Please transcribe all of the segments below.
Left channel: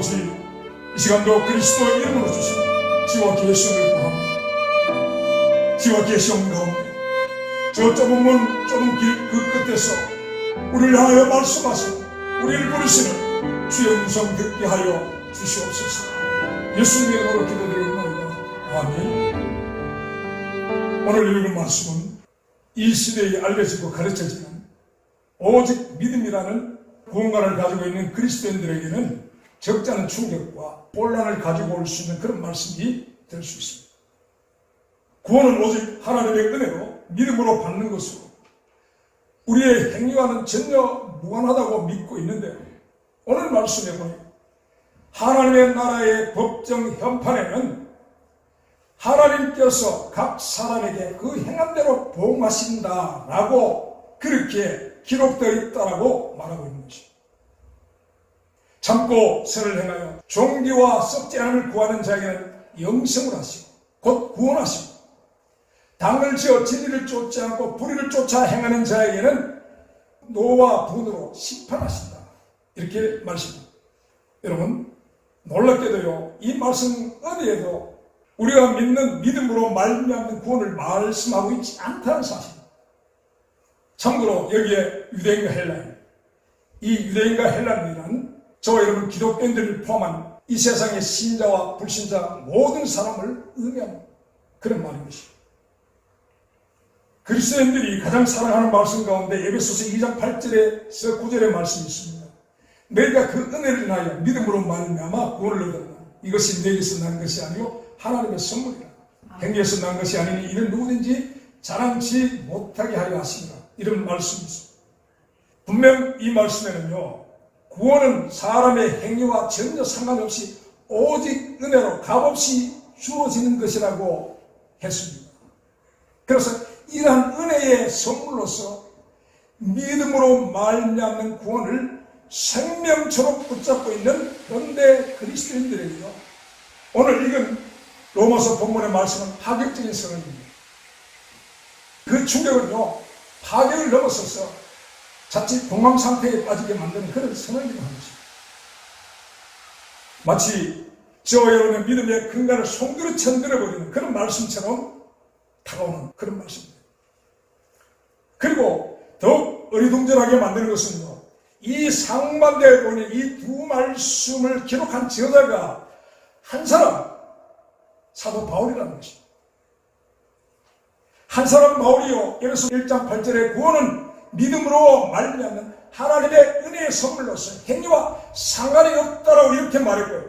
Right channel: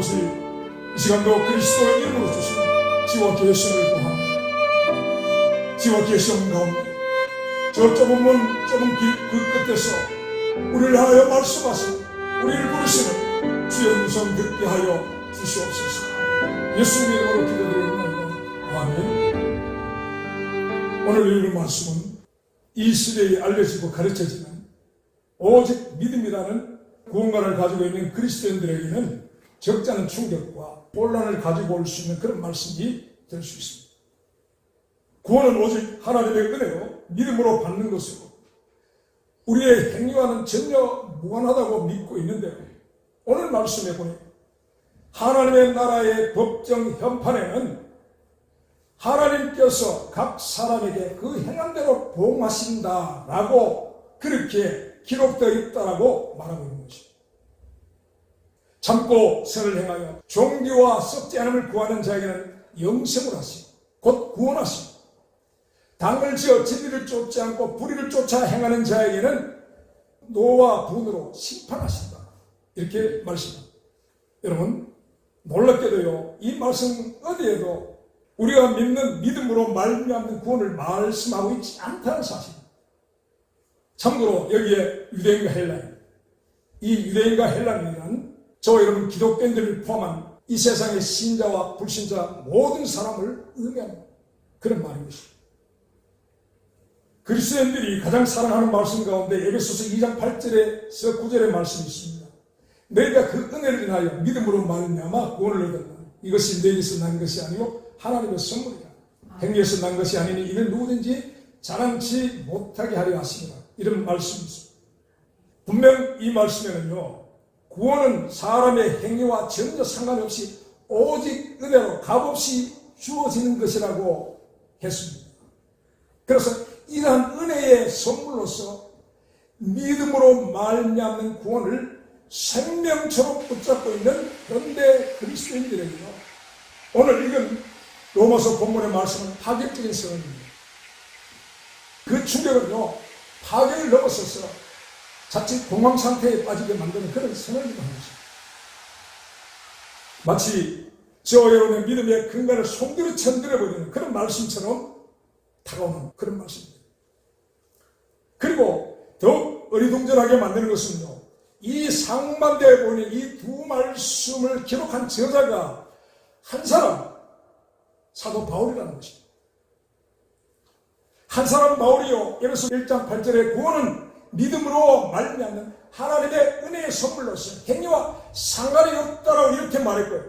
아버지, 이 시간도 그리스도의 이름으로 주신 지와 계시를 구합니다. 지와 계시온 가운데 저 좁은 문, 좁은 길 그 끝에서 우리를 하여 말씀하시고 우리를 부르시는 주의 음성 듣게 하여 주시옵소서. 예수님의 이름으로 기도드립니다. 아멘. 오늘 읽은 말씀은 이 시대에 알려지고 가르쳐지는 오직 믿음이라는 구원관을 가지고 있는 그리스도인들에게는 적지 않은 충격과 혼란을 가지고 올 수 있는 그런 말씀이 될 수 있습니다. 구원은 오직 하나님의 은혜로 믿음으로 받는 것으로 우리의 행위와는 전혀 무관하다고 믿고 있는데, 오늘 말씀에 보니 하나님의 나라의 법정 현판에는 하나님께서 각 사람에게 그 행한 대로 보응하신다라고 그렇게 기록되어 있다라고 말하고 있는 것입니다. 참고 선을 행하여 종기와 썩지 않음을 구하는 자에게는 영생을 하시고 곧 구원하시고, 당을 지어 진리를 쫓지 않고 불의를 쫓아 행하는 자에게는 노와 분으로 심판하신다, 이렇게 말씀합니다. 여러분, 놀랍게도요, 이 말씀 어디에도 우리가 믿는 믿음으로 말미암는 구원을 말씀하고 있지 않다는 사실입니다. 참고로 여기에 유대인과 헬라인, 이 유대인과 헬라인이란 저와 여러분 기독교인들을 포함한 이 세상의 신자와 불신자 모든 사람을 의미하는 그런 말인 것입니다. 그리스도인들이 가장 사랑하는 말씀 가운데 에베소서 2장 8절에서 9절의 말씀이 있습니다. 너희가 그 은혜를 인하여 믿음으로 말미암아 구원을 얻었다. 이것이 너희에게서 난 것이 아니요 하나님의 선물이라. 행위에서 난 것이 아니니 이는 누구든지 자랑치 못하게 하려 하시니라. 이런 말씀이 있습니다. 분명 이 말씀에는요, 구원은 사람의 행위와 전혀 상관없이 오직 은혜로 값없이 주어지는 것이라고 했습니다. 그래서 이러한 은혜의 선물로서 믿음으로 말미암는 구원을 생명처럼 붙잡고 있는 현대 그리스도인들에게요, 오늘 읽은 로마서 본문의 말씀은 파격적인 선언입니다. 그 충격은요, 파격을 넘어서서 자칫 공황 상태에 빠지게 만드는 그런 선언이라는 것입니다. 마치 저와 여러분의 믿음의 근간을 송두리 천들어버리는 그런 말씀처럼 다가오는 그런 말씀입니다. 그리고 더욱 어리둥절하게 만드는 것은요, 이 상반대에 보니 이 두 말씀을 기록한 저자가 한 사람, 사도 바울이라는 것입니다. 한 사람 바울이요, 에베소 1장 8절에 구원은 믿음으로 말미암는 하나님의 은혜의 선물로서 행위와 상관이 없다라고 이렇게 말했고요.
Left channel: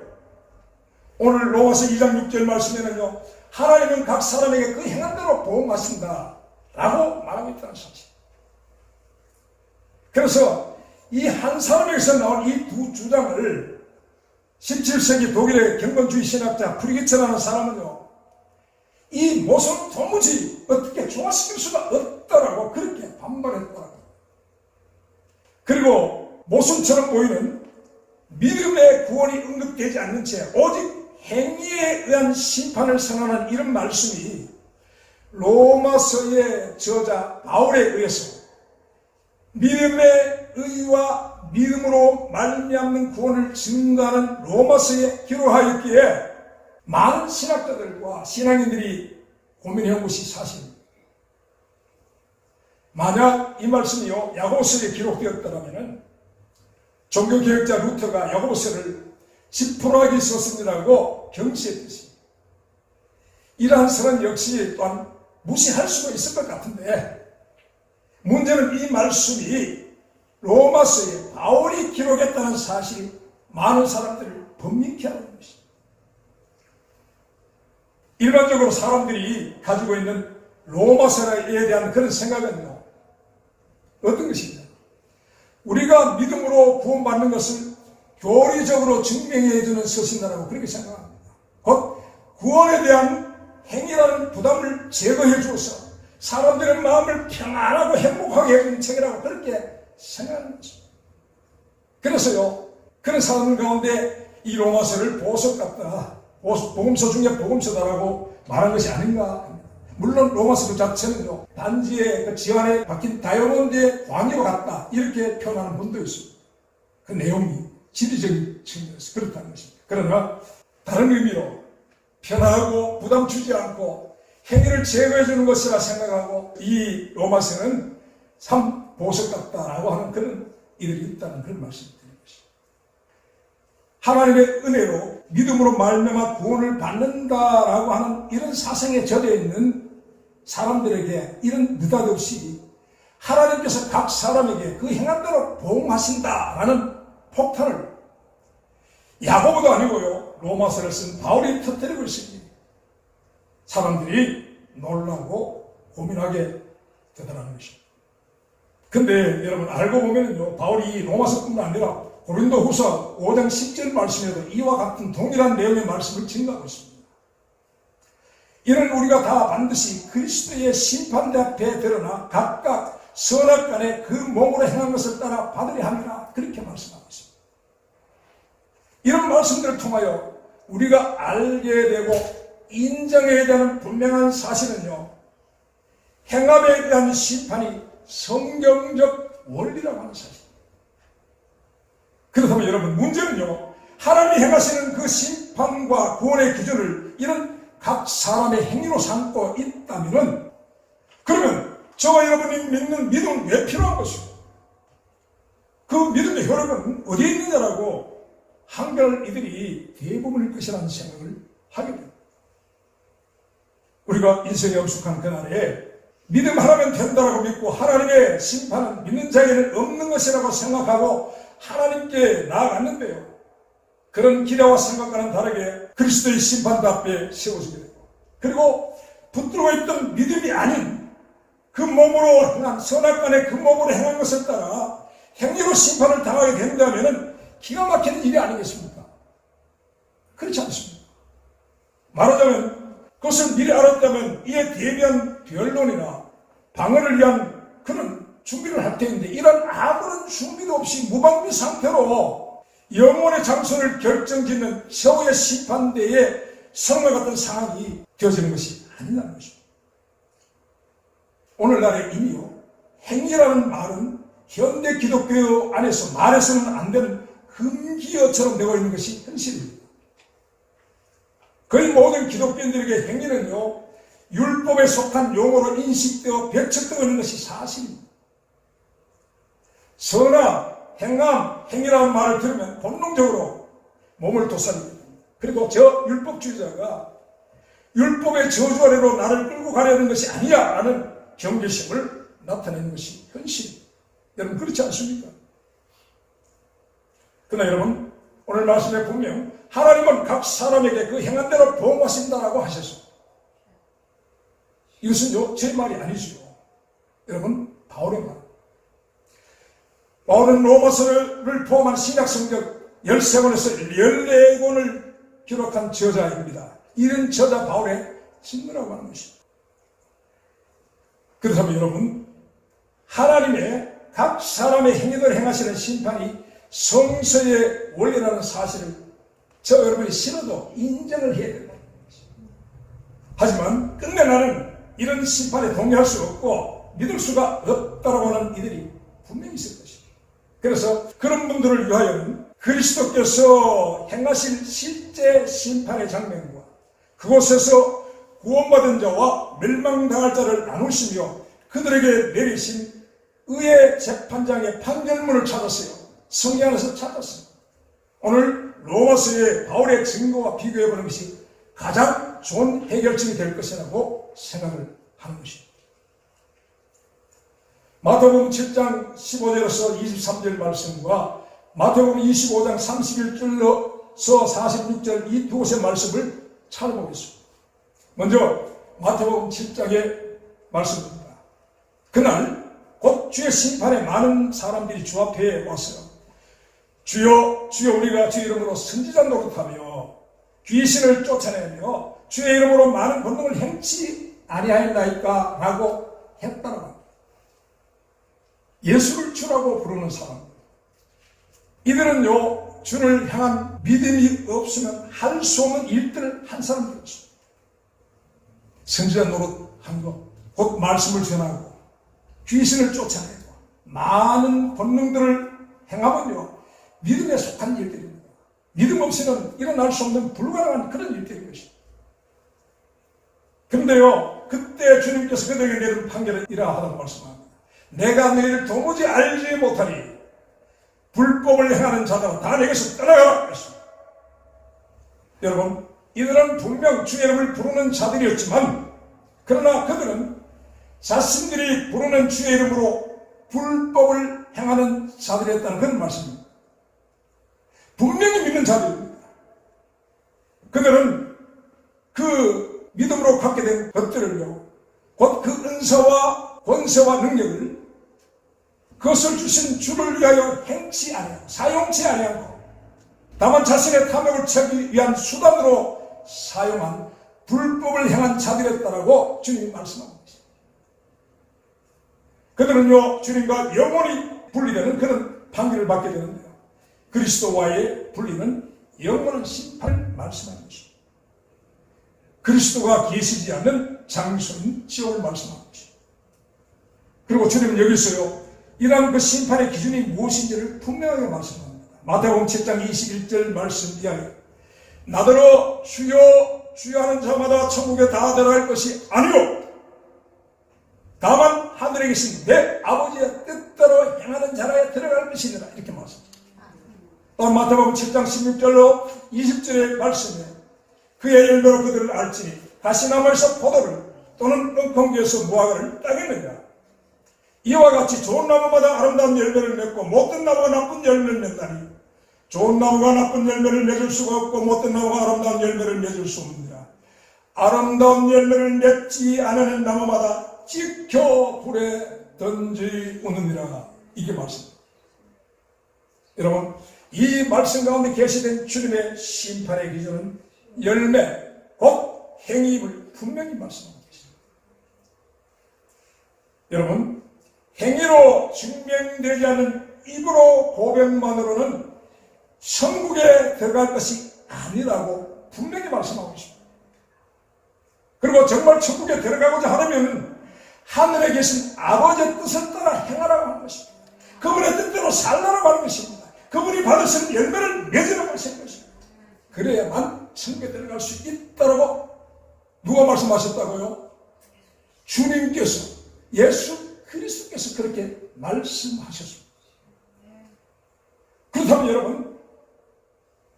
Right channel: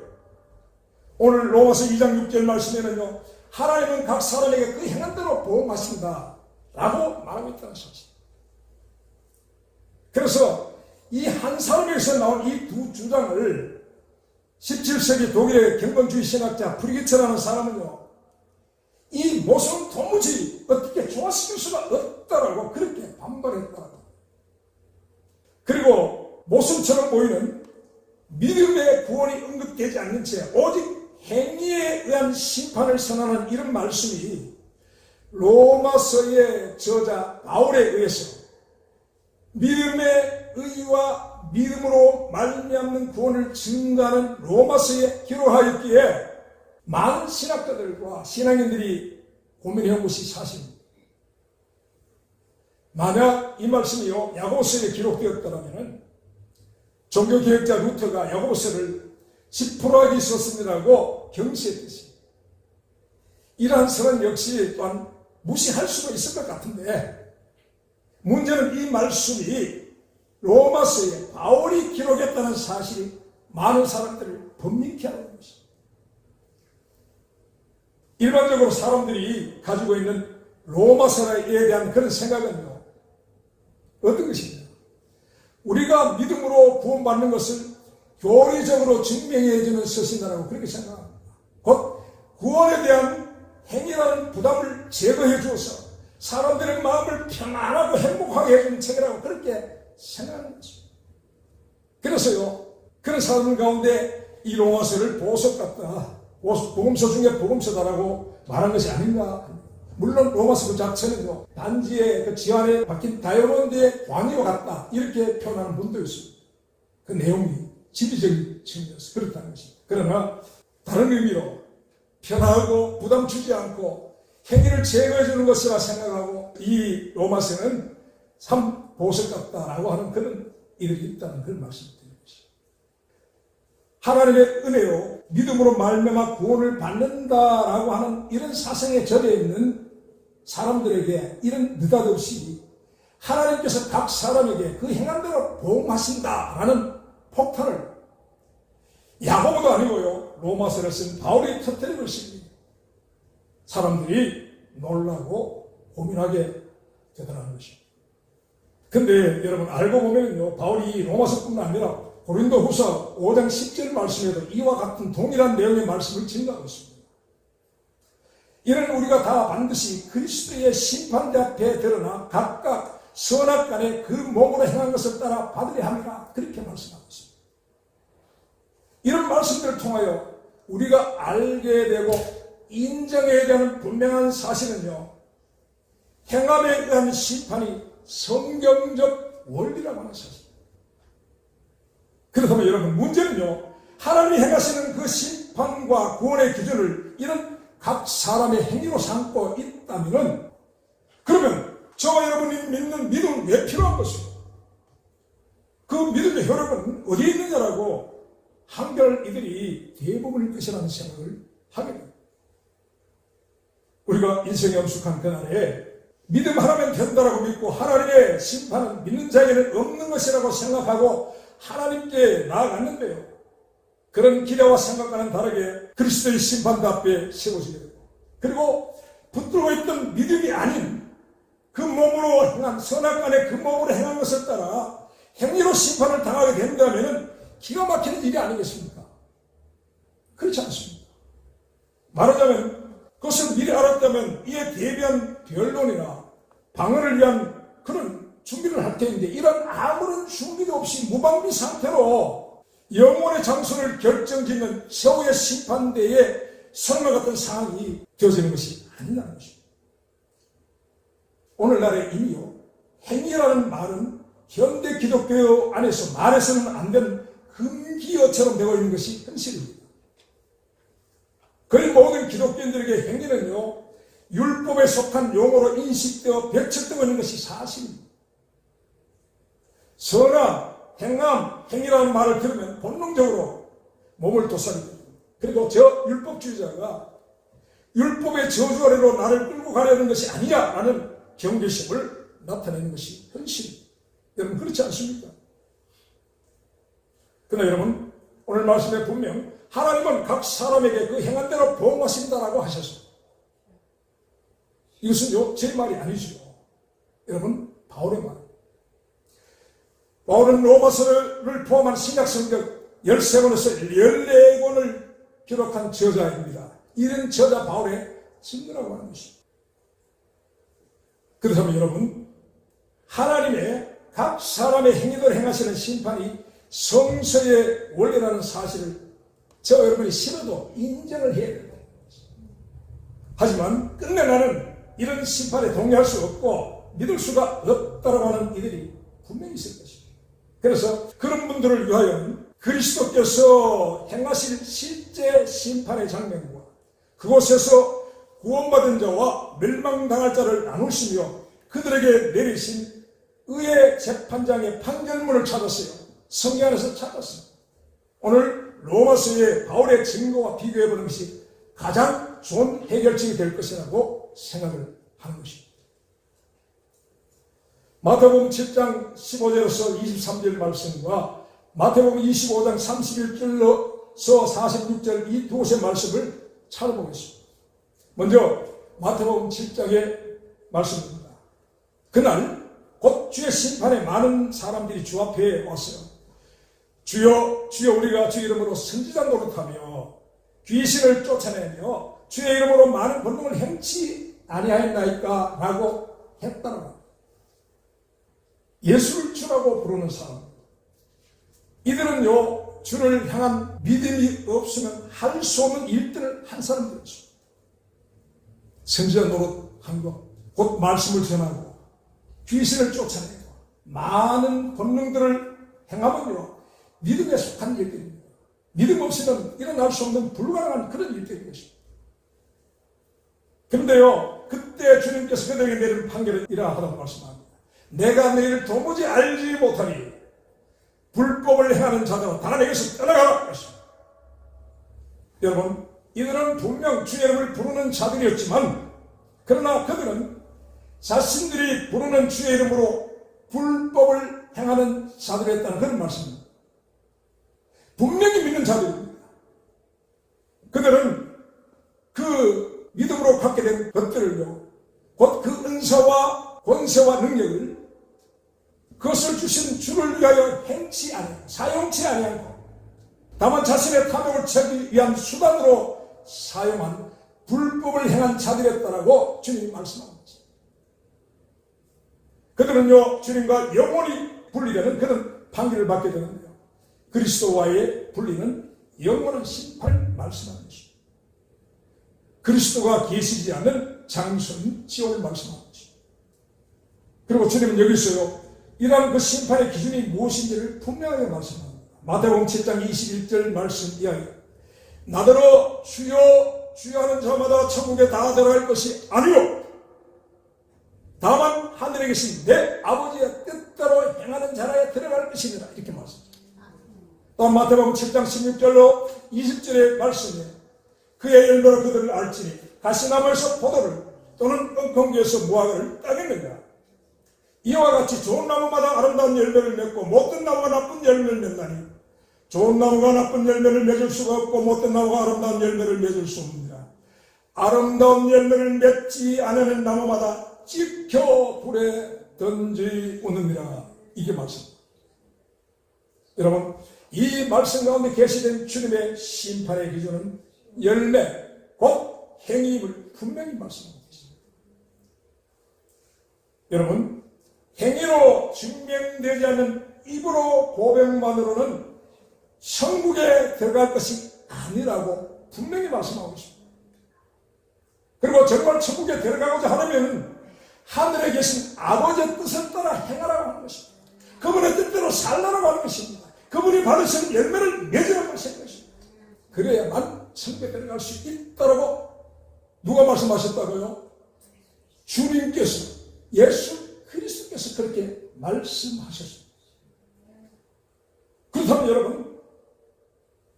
오늘 로마서 2장 6절 말씀에는요, 하나님은 각 사람에게 그 행한 대로 보응하신다 라고 말하고 있다는 사실. 그래서 이 한 사람에게서 나온 이 두 주장을 17세기 독일의 경건주의 신학자 프리게츠라는 사람은요, 이 모습은 도무지 어떻게 조화시킬 수가 없다라고 그렇게 반발했더라고요. 그리고 모순처럼 보이는 믿음의 구원이 언급되지 않는 채 오직 행위에 의한 심판을 선언하는 이런 말씀이 로마서의 저자 바울에 의해서 믿음의 의와 믿음으로 말미암는 구원을 증거하는 로마서에 기록하였기에 많은 신학자들과 신앙인들이 고민해온 것이 사실입니다. 만약 이 말씀이요, 야고보서에 기록되었더라면 종교개혁자 루터가 야고보서를 지푸라기 썼습니다라고 경시했듯이 이러한 설은 역시 또한 무시할 수도 있을 것 같은데, 문제는 이 말씀이 로마서에 바울이 기록했다는 사실이 많은 사람들을 번민케 하는 것입니다. 일반적으로 사람들이 가지고 있는 로마서에 대한 그런 생각은요, 어떤 것입니까? 우리가 믿음으로 구원받는 것을 교리적으로 증명해주는 서신이라고 그렇게 생각합니다. 곧 구원에 대한 행위라는 부담을 제거해 주어서 사람들의 마음을 평안하고 행복하게 해주는 책이라고 그렇게 생각하는 것입니다. 그래서요, 그런 사람들 가운데 이 로마서를 보석 같다, 복음서 중에 복음서다라고 말한 것이 아닌가 합니다. 물론 로마서 그 자체는요, 단지의 그 지환에 박힌 다이아몬드의 광이와 같다, 이렇게 표현하는 분도 있습니다. 그 내용이 지리적인 측면에서 그렇다는 것입니다. 그러나 다른 의미로 편하고 부담 주지 않고 행위를 제거해 주는 것이라 생각하고 이 로마서는 참 보석 같다라고 하는 그런 이들이 있다는 그런 말씀을 드리는 것입니다. 하나님의 은혜로 믿음으로 말미암아 구원을 받는다라고 하는 이런 사상에 젖어 있는 사람들에게 이런 느닷없이 하나님께서 각 사람에게 그 행한 대로 보응하신다라는 폭탄을 야고보도 아니고요, 로마서를 쓴 바울이 터뜨리고 있습니다. 사람들이 놀라고 고민하게 되더라는 것입니다. 근데 여러분 알고 보면요, 바울이 로마서뿐만 아니라 고린도후서 5장 10절 말씀에도 이와 같은 동일한 내용의 말씀을 증가하고 있습니다. 이는 우리가 다 반드시 그리스도의 심판대 앞에 드러나 각각 선악간에 그 몸으로 행한 것을 따라 받으려 함이라, 그렇게 말씀하고 있습니다. 이런 말씀들을 통하여 우리가 알게 되고 인정해야 되는 분명한 사실은요, 행함에 의한 심판이 성경적 원리라고 하는 사실입니다. 그렇다면 여러분, 문제는요, 하나님이 행하시는 그 심판과 구원의 기준을 이런 각 사람의 행위로 삼고 있다면, 그러면 저와 여러분이 믿는 믿음은 왜 필요한 것입니까? 그 믿음의 효력은 어디에 있느냐라고 한결 이들이 대부분일 것이라는 생각을 하게 됩니다. 우리가 인생에 엄숙한 그날에 믿음 하나면 된다라고 믿고 하나님의 심판은 믿는 자에게는 없는 것이라고 생각하고 하나님께 나아갔는데요, 그런 기대와 생각과는 다르게 그리스도의 심판대 앞에 세워지게 되고, 그리고 붙들고 있던 믿음이 아닌 그 몸으로 행한 선악간에 그 몸으로 행한 것을 따라 행위로 심판을 당하게 된다면 기가 막히는 일이 아니겠습니까? 그렇지 않습니다. 말하자면 그것을 미리 알았다면 이에 대비한 변론이나 방어를 위한 그런 준비를 할 텐데, 이런 아무런 준비도 없이 무방비 상태로 영혼의 장소를 결정짓는 최후의 심판대에 성과 같은 상황이 되어지는 것이 아니라는 것입니다. 오늘날의 이미요, 행위라는 말은 현대 기독교 안에서 말해서는 안 되는 금기어처럼 되어 있는 것이 현실입니다. 거의 모든 기독교인들에게 행위는요, 율법에 속한 용어로 인식되어 배척되어 있는 것이 사실입니다. 선악, 행함, 행위라는 말을 들으면 본능적으로 몸을 도살리게 됩니다. 그리고 저 율법주의자가 율법의 저주 아래로 나를 끌고 가려는 것이 아니야 라는 경계심을 나타내는 것이 현실입니다. 여러분, 그렇지 않습니까? 그러나 여러분, 오늘 말씀에 분명 하나님은 각 사람에게 그 행한 대로 보응하신다라고 하셔서, 이것은 제 말이 아니죠. 여러분, 바울의 말. 바울은 로마서를 포함한 신약성경 13권에서 14권을 기록한 저자입니다. 이런 저자 바울의 친구라고 하는 것입니다. 그렇다면 여러분, 하나님의 각 사람의 행위를 행하시는 심판이 성서의 원리라는 사실을 저 여러분이 싫어도 인정을 해야 됩니다. 하지만 끝내 나는 이런 심판에 동의할 수 없고 믿을 수가 없다라고 하는 이들이 분명히 있을 것입니다. 그래서 그런 분들을 위하여는 그리스도께서 행하실 실제 심판의 장면과 그곳에서 구원받은 자와 멸망당할 자를 나누시며 그들에게 내리신 의의 재판장의 판결문을 찾았어요. 성경 안에서 찾았어요. 오늘 로마서의 바울의 증거와 비교해보는 것이 가장 좋은 해결책이 될 것이라고 생각을 하는 것입니다. 마태복음 7장 15절에서 23절 말씀과 마태복음 25장 31절에서 46절 이 두 곳의 말씀을 찾아보겠습니다. 먼저 마태복음 7장의 말씀입니다. 그날 곧 주의 심판에 많은 사람들이 주 앞에 왔어요. 주여, 주여, 우리가 주의 이름으로 선지자 노릇하며 귀신을 쫓아내며 주의 이름으로 많은 권능을 행치 아니하였나이까 라고 했다고. 예수를 주라고 부르는 사람, 이들은요, 주를 향한 믿음이 없으면 할 수 없는 일들을 한 사람들이었습니다. 선지자 노릇한 것, 곧 말씀을 전하고 귀신을 쫓아내고 많은 권능들을 행하면요, 믿음에 속한 일들입니다. 믿음 없이는 일어날 수 없는 불가능한 그런 일들인 것입니다. 그런데요, 그때 주님께서 그들에게 내린 판결은 이러하다고 말씀합니다. 내가 너희를 도무지 알지 못하니 불법을 행하는 자들아 다 내게서 떠나가라 했습니다. 여러분, 이들은 분명 주의 이름을 부르는 자들이었지만 그러나 그들은 자신들이 부르는 주의 이름으로 불법을 행하는 자들이었다는 그런 말씀입니다. 분명히 믿는 자들입니다. 그들은 그 믿음으로 갖게 된 것들을요, 곧 그 은사와 권세와 능력을 그것을 주신 주를 위하여 행치 아니하고 사용치 아니하고 다만 자신의 탐욕을 채우기 위한 수단으로 사용한 불법을 행한 자들이었다라고 주님이 말씀하고 있습니다. 그들은요, 주님과 영원히 분리되는 그런 판결을 받게 되는데요, 그리스도와의 분리는 영원한 심판을 말씀하는 것입니다. 그리스도가 계시지 않는 장소는 지옥을 말씀하는 것입니다. 그리고 주님은 여기서요, 이러한 그 심판의 기준이 무엇인지를 분명하게 말씀합니다. 마태복음 7장 21절 말씀 이하에 나더러 주여 주여 하는 자마다 천국에 다 들어갈 것이 아니요 다만 하늘에 계신 내 아버지의 뜻대로 행하는 자라야 들어갈 것이니라 이렇게 말씀합니다. 또 마태복음 7장 16절로 20절의 말씀에 그의 열매로 그들을 알지니 가시나무에서 포도를 또는 은콩기에서 무화과를 따겠느냐 이와 같이 좋은 나무마다 아름다운 열매를 맺고 못된 나무가 나쁜 열매를 맺나니 좋은 나무가 나쁜 열매를 맺을 수가 없고 못된 나무가 아름다운 열매를 맺을 수 없느니라. 아름다운 열매를 맺지 않는 나무마다 지켜 불에 던지우느니라. 이게 말씀입니다. 여러분, 이 말씀 가운데 계시된 주님의 심판의 기준은 열매, 곧 행위임을 분명히 말씀하고 계십니다. 여러분, 행위로 증명되지 않는 입으로 고백만으로는 천국에 들어갈 것이 아니라고 분명히 말씀하고 있습니다. 그리고 정말 천국에 들어가고자 하려면 하늘에 계신 아버지의 뜻을 따라 행하라고 하는 것입니다. 그분의 뜻대로 살라고 하는 것입니다. 그분이 받으시는 열매를 맺으라고 하시는 것입니다. 그래야만 천국에 들어갈 수 있다라고 누가 말씀하셨다고요? 주님께서, 예수 그리스도께서 그렇게 말씀하셨습니다. 그렇다면 여러분,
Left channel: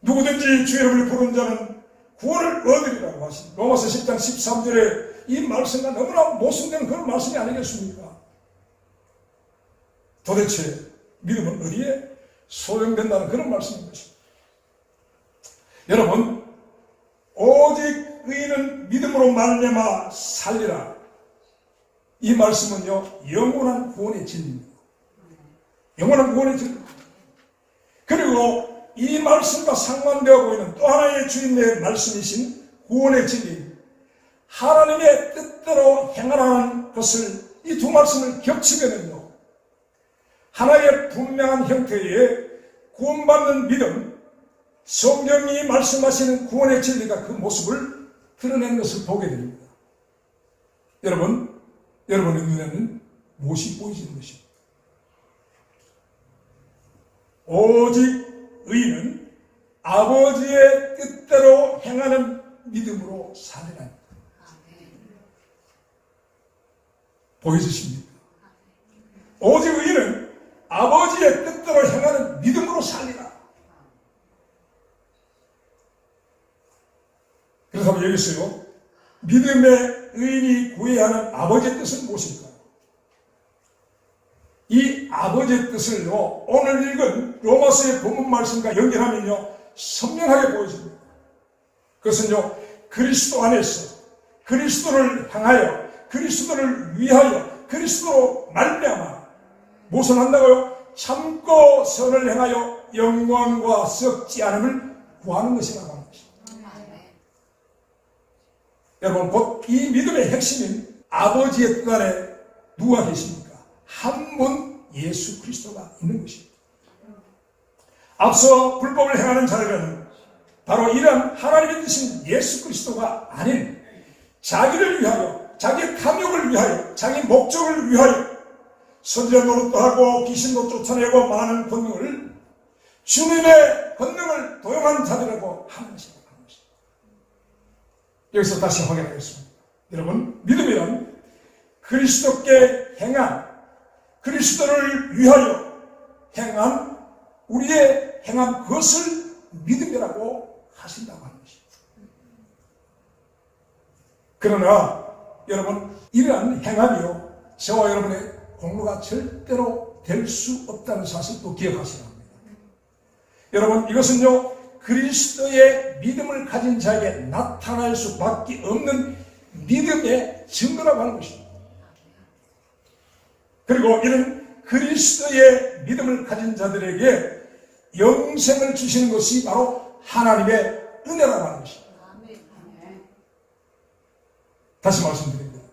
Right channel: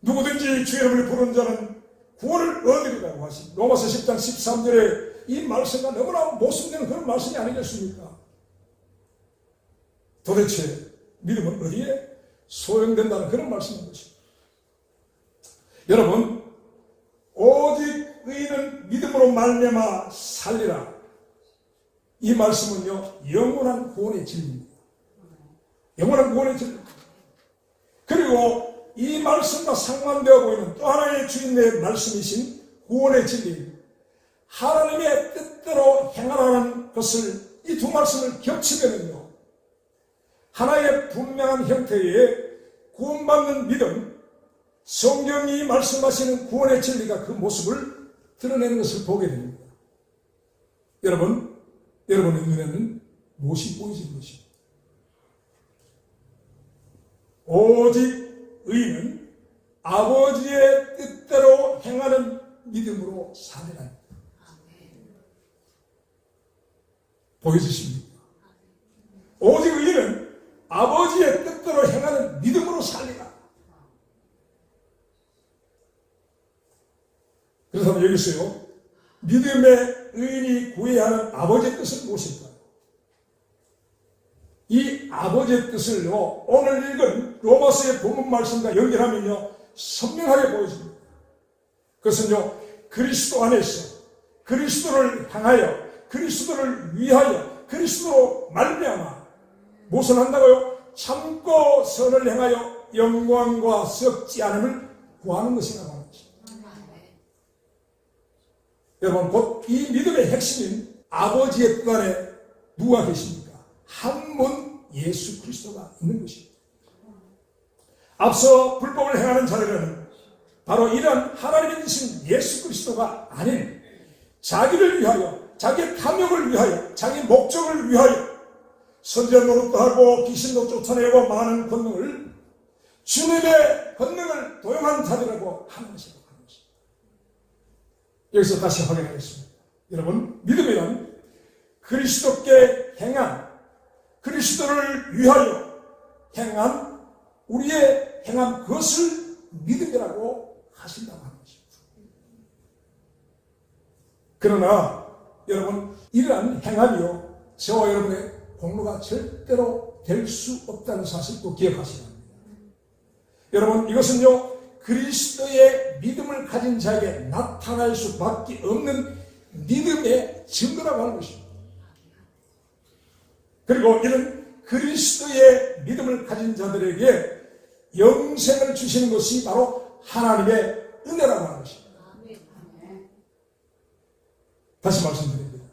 누구든지 주의 이름을 부르는 자는 구원을 얻으리라고 하신 로마서 10장 13절에 이 말씀과 너무나 모순되는 그런 말씀이 아니겠습니까? 도대체 믿음은 어디에 소용된다는 그런 말씀인 것입니다. 여러분, 오직 의인은 믿음으로 말미암아 살리라. 이 말씀은요, 영원한 구원의 진리입니다. 영원한 구원의 진리입니다. 그리고 이 말씀과 상관되어 보이는 또 하나의 주님의 말씀이신 구원의 진리, 하나님의 뜻대로 행하라는 것을, 이 두 말씀을 겹치면요, 하나의 분명한 형태의 구원받는 믿음, 성경이 말씀하시는 구원의 진리가 그 모습을 드러내는 것을 보게 됩니다. 여러분의 눈에는 무엇이 보이시는 것입니까? 오직 의인은 아버지의 뜻대로 행하는 믿음으로 살리라. 보여주십니까? 오직 의인은 아버지의 뜻대로 행하는 믿음으로 살리라. 그래서 여기서요, 믿음의 의인이 구해야 하는 아버지의 뜻은 무엇일까요? 이 아버지의 뜻을요, 오늘 읽은 로마서의 본문 말씀과 연결하면요, 선명하게 보여집니다. 그것은요, 그리스도 안에서 그리스도를 향하여, 그리스도를 위하여, 그리스도로 말미암아 무엇을 한다고요? 참고 선을 행하여 영광과 썩지 않음을 구하는 것이라고 하는 것입니다. 여러분, 곧 이 믿음의 핵심인 아버지의 뜻 안에 누가 계십니까? 한 분 예수 그리스도가 있는 것입니다. 앞서 불법을 행하는 자들은 바로 이런 하나님의 뜻인 예수 그리스도가 아닌 자기를 위하여, 자기의 탐욕을 위하여, 자기 목적을 위하여 선전 노릇도 하고 귀신도 쫓아내고 많은 권능을 주님의 권능을 도용하는 자들이라고 하는 것입니다. 여기서 다시 확인하겠습니다. 여러분, 믿음이란 그리스도께 행한, 그리스도를 위하여 행한, 우리의 행한 그것을 믿음이라고 하신다고 하는 것입니다. 그러나 여러분, 이러한 행함이요, 저와 여러분의 공로가 절대로 될 수 없다는 사실도 기억하셔야 합니다. 여러분, 이것은요, 그리스도의 믿음을 가진 자에게 나타날 수밖에 없는 믿음의 증거라고 하는 것입니다. 그리고 이런 그리스도의 믿음을 가진 자들에게 영생을 주시는 것이 바로 하나님의 은혜라고 하는 것입니다. 다시 말씀드립니다.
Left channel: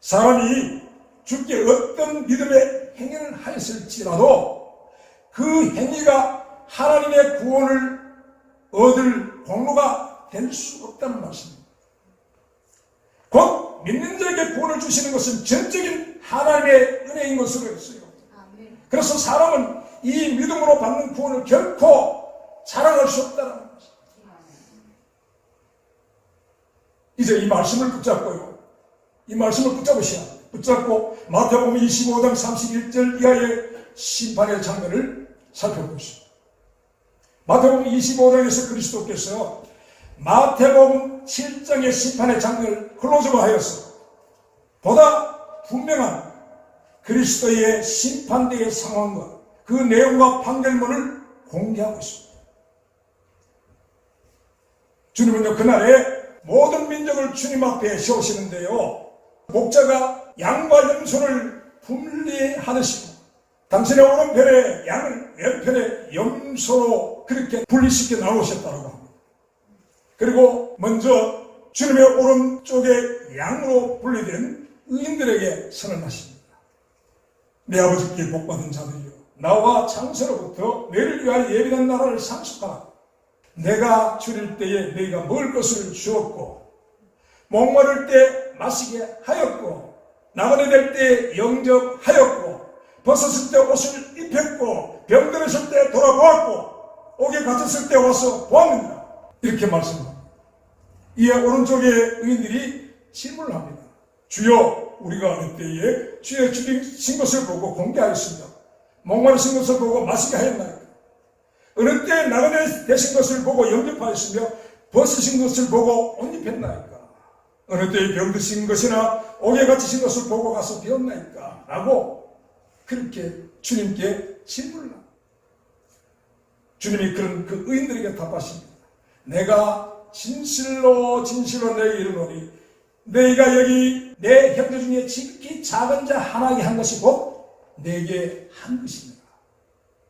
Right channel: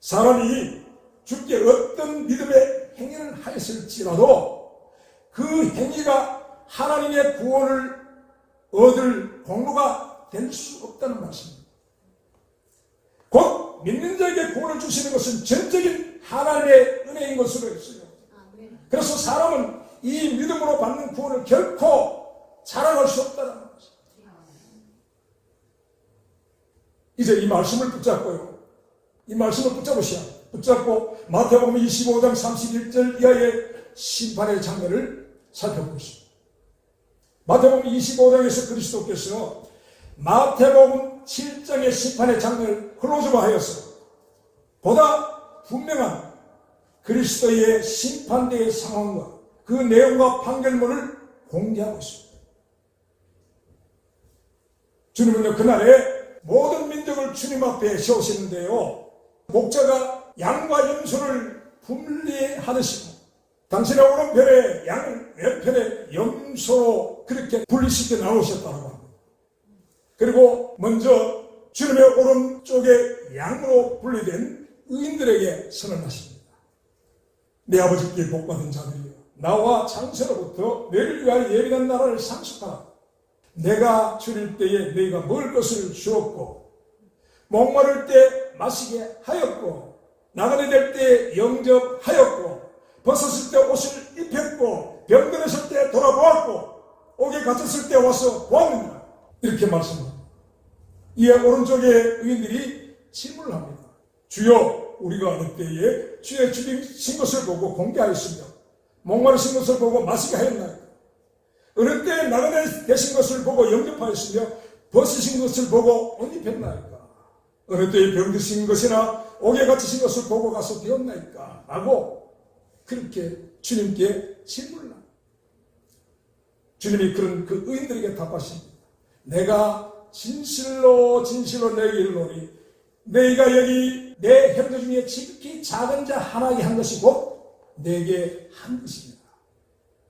사람이 주께 어떤 믿음의 행위를 하였을지라도 그 행위가 하나님의 구원을 얻을 공로가 될 수 없다는 말씀입니다. 곧 믿는 자에게 구원을 주시는 것은 전적인 하나님의 은혜인 것으로 했어요. 그래서 사람은 이 믿음으로 받는 구원을 결코 자랑할 수 없다는 것입니다. 이제 이 말씀을 붙잡고요. 이 말씀을 붙잡고 마태복음 25장 31절 이하의 심판의 장면을 살펴보십시오. 마태복음 25장에서 그리스도께서 마태복음 7장의 심판의 장면을 클로즈화하였어 보다 분명한 그리스도의 심판대의 상황과 그 내용과 판결문을 공개하고 있습니다. 주님은요, 그날에 모든 민족을 주님 앞에 세우시는데요, 목자가 양과 염소를 분리하듯이 당신의 오른편에 양을 왼편에 염소로 그렇게 분리시켜 나오셨다고 합니다. 그리고 먼저 주님의 오른쪽에 양으로 분리된 의인들에게 선언하십니다. 내 아버지께 복받은 자들이여, 나와 창세로부터 너희를 위하여 예비된 나라를 상속하라. 내가 줄일 때에 너희가 먹을 것을 주었고, 목마를 때 마시게 하였고, 나그네 될 때 영접하였고, 벗었을 때 옷을 입혔고, 병들었을 때 돌아보았고, 옥에 갇혔을 때 와서 보았느니라. 이렇게 말씀합니다. 이에 오른쪽에 의인들이 질문을 합니다. 주여, 우리가 어느 때에 주의 죽이신 것을 보고 공개하였습니다. 목마르신 것을 보고 마시게 하였나이까? 어느 때에 나그네 되신 것을 보고 영접하였으며 벗으신 것을 보고 옷 입혔나이까? 어느 때에 병드신 것이나 옥에 갇히신 것을 보고 가서 배웠나이까? 라고 그렇게 주님께 질문을 합니다. 주님이 그런 그 의인들에게 답하십니다. 내가 진실로 너에게 이르노니 너희가 여기 내 형제 중에 지극히 작은 자 하나에게 한 것이 곧 내게 한 것입니다.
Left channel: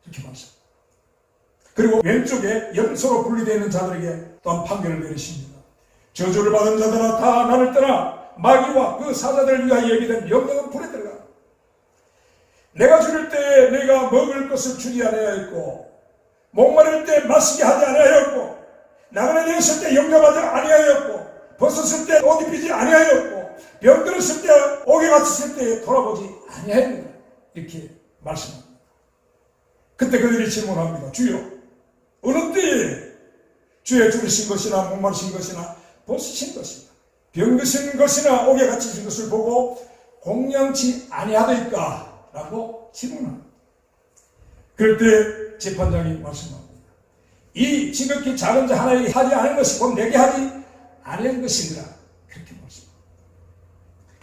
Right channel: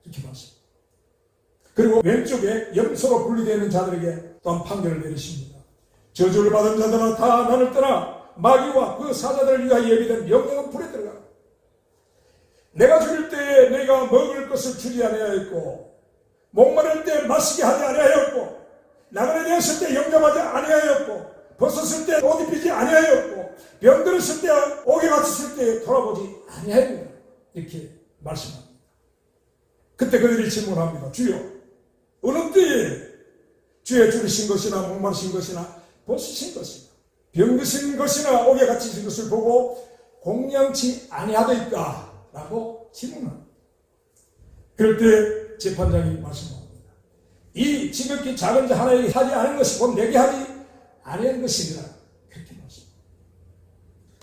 이렇게 말씀합니다. 그리고 왼쪽에 염소로 분리되어 있는 자들에게 또한 판결을 내리십니다. 저주를 받은 자들아 다 나를 떠나 마귀와 그 사자들을 위하여 예비된 영영한 불에 들어가. 내가 죽을 때에 너희가 먹을 것을 주지 아니하였고, 목마를 때 마시게 하지 아니하였고, 나그네 되었을 때 영접하지 아니하였고, 벗었을 때 옷 입히지 아니하였고, 병들었을 때 옥에 갇혔을 때 돌아보지 아니하였느냐. 이렇게 말씀합니다. 그때 그들이 질문합니다. 주여, 어느 때에 주의 죽으신 것이나 목마르신 것이나 벗으신 것이나 병드신 것이나 옥에 갇히신 것을 보고 공양치 아니하더이까? 라고 질문합니다. 그럴 때 재판장이 말씀합니다. 이 지극히 작은 자 하나에게 하지 않은 것이 곧 내게 하지 아니한 것이니라. 그렇게 말씀합니다.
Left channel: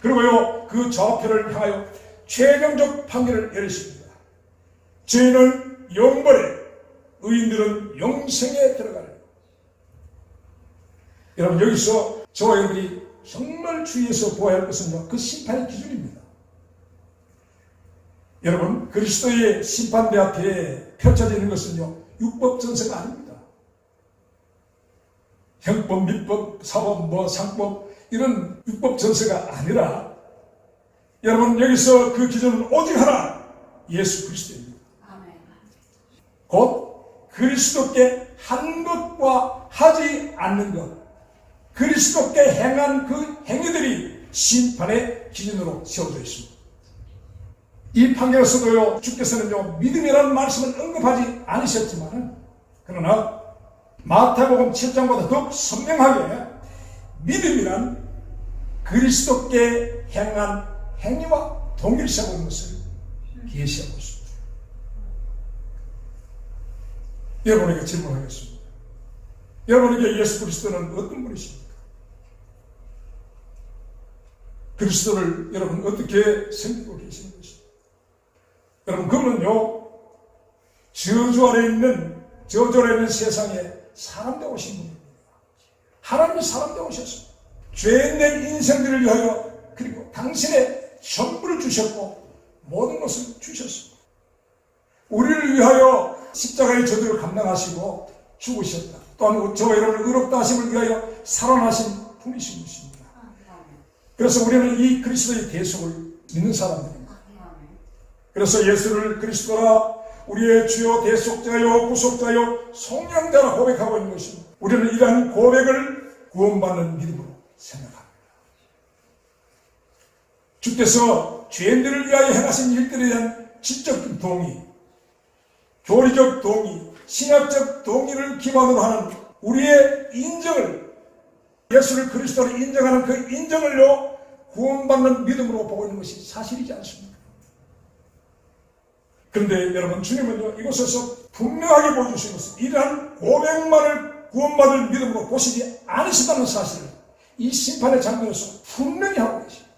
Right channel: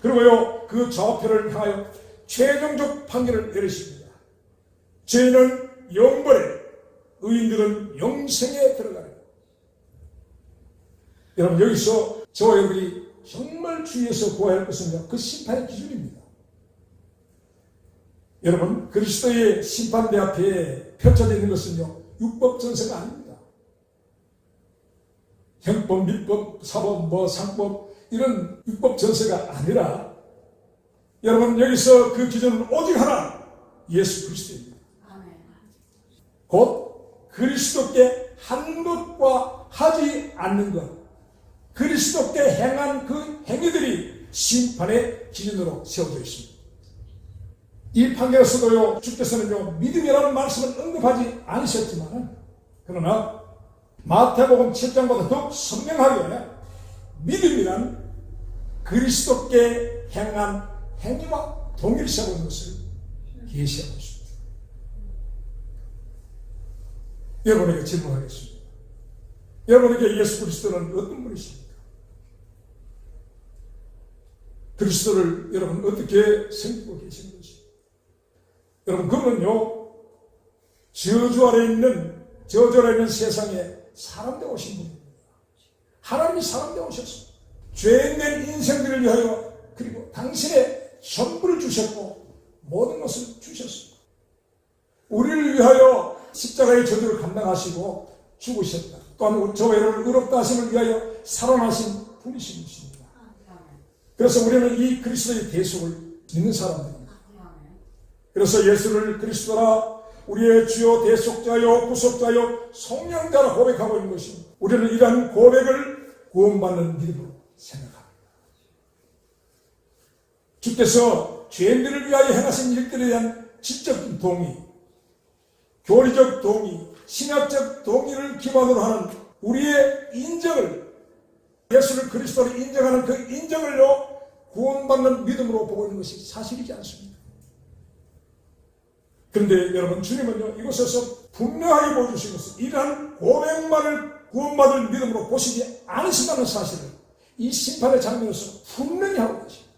그리고요, 그 좌표를 향하여 최종적 판결을 내리십니다. 죄인은 영벌에, 의인들은 영생에 들어가라. 여러분, 여기서 저와 여러분이 정말 주의해서 보아야 할 것은요, 그 심판의 기준입니다. 여러분, 그리스도의 심판대 앞에 펼쳐져 있는 것은요, 율법 전세가 아닙니다. 형법, 민법, 사법, 상법 이런 율법 전세가 아니라 여러분, 여기서 그 기준은 오직 하나, 예수 그리스도입니다. 곧 그리스도께 한 것과 하지 않는 것, 그리스도께 행한 그 행위들이 심판의 기준으로 세워져 있습니다. 이 판결에서도요, 주께서는요, 믿음이라는 말씀을 언급하지 않으셨지만, 그러나 마태복음 7장보다 더욱 선명하게 믿음이란 그리스도께 행한 행위와 동일시하고 것을 계시하고 있습니다. 여러분에게 질문하겠습니다. 여러분에게 예수 그리스도는 어떤 분이십니까? 그리스도를 여러분 어떻게 섬기고 계시는 것입니까? 여러분, 그분은요, 저주 아래 있는 세상에 사람 되어 오신 분입니다. 하나님이 사람 되어 오셨습니다. 죄인된 인생들을 위하여, 그리고 당신의 전부를 주셨고 모든 것을 주셨습니다. 우리를 위하여 십자가의 저주를 감당하시고 죽으셨다. 또한 저와 여러분을 의롭다 하심을 위하여 살아나신 분이신 것입니다. 그래서 우리는 이 그리스도의 대속을 믿는 사람들입니다. 그래서 예수를 그리스도라 우리의 주요 대속자요 구속자요 성령자라 고백하고 있는 것입니다. 우리는 이러한 고백을 구원받는 믿음으로 생각합니다. 주께서 죄인들을 위하여 행하신 일들에 대한 지적 동의, 교리적 동의, 신학적 동의를 기반으로 하는 우리의 인정을, 예수를 그리스도로 인정하는 그 인정을요, 구원받는 믿음으로 보고 있는 것이 사실이지 않습니까? 그런데 여러분, 주님은요, 이곳에서 분명하게 보여주신 것은 이러한 고백만을 구원받을 믿음으로 보시지 않으신다는 사실을 이 심판의 장면에서 분명히 하고 계십니다.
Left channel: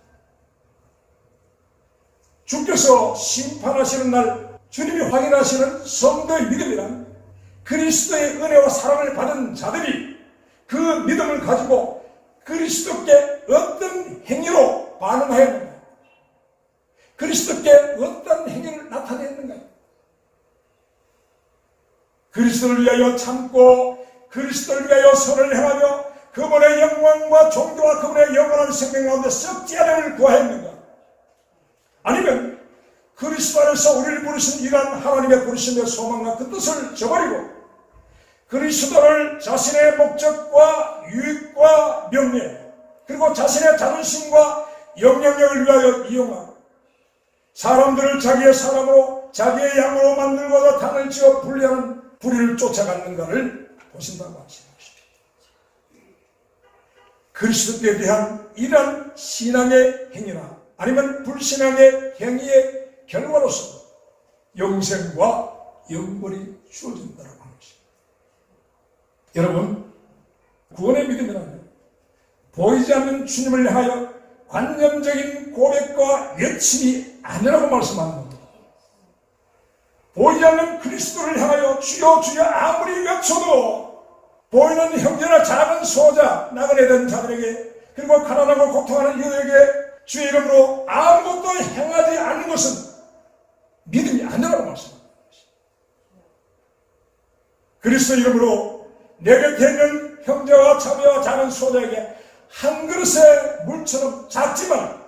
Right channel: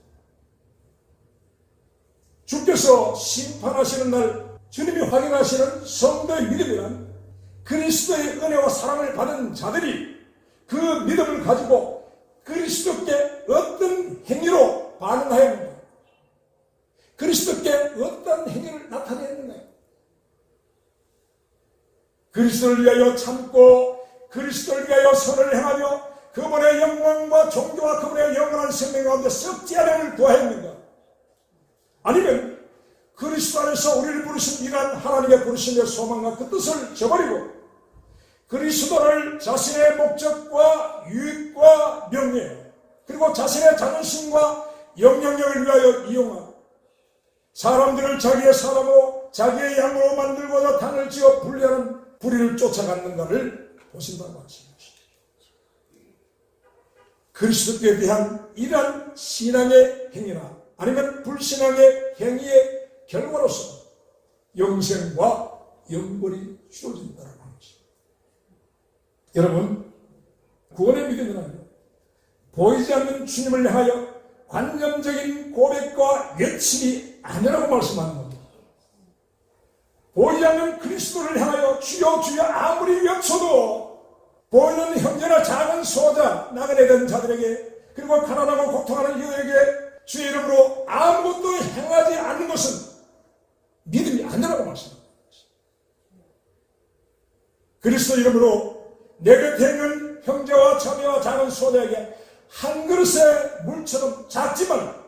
주께서 심판하시는 날 주님이 확인하시는 성도의 믿음이란 그리스도의 은혜와 사랑을 받은 자들이 그 믿음을 가지고 그리스도께 어떤 행위로 반응하였는가, 그리스도께 어떤 행위를 나타냈는가, 그리스도를 위하여 참고 그리스도를 위하여 선을 행하며 그분의 영광과 존귀와 그분의 영원한 생명 가운데 썩지 않음을 구하였는가, 아니면 그리스도 안에서 우리를 부르신 이러한 하나님의 부르심의 소망과 그 뜻을 저버리고 그리스도를 자신의 목적과 유익과 명예 그리고 자신의 자존심과 영향력을 위하여 이용하고 사람들을 자기의 사람으로 자기의 양으로 만들고자 당을 지어 분리하는 불의를 쫓아갔는가를 보신다고 하십니다. 그리스도께 대한 이러한 신앙의 행위나 아니면 불신앙의 행위의 결과로서 영생과 영벌이 주어진다고 하는 것입니다. 여러분, 구원의 믿음이라면 보이지 않는 주님을 향하여 관념적인 고백과 외침이 아니라고 말씀하는 겁니다. 보이지 않는 그리스도를 향하여 주여 주여 아무리 외쳐도 보이는 형제나 작은 소자, 나그네 된 자들에게 그리고 가난하고 고통하는 이들에게 주의 이름으로 아무것도 행하지 않는 것은 믿음이 아니라고 말씀합니다. 그리스도 이름으로 내 곁에 있는 형제와 자매와 작은 소자에게 한 그릇의 물처럼 작지만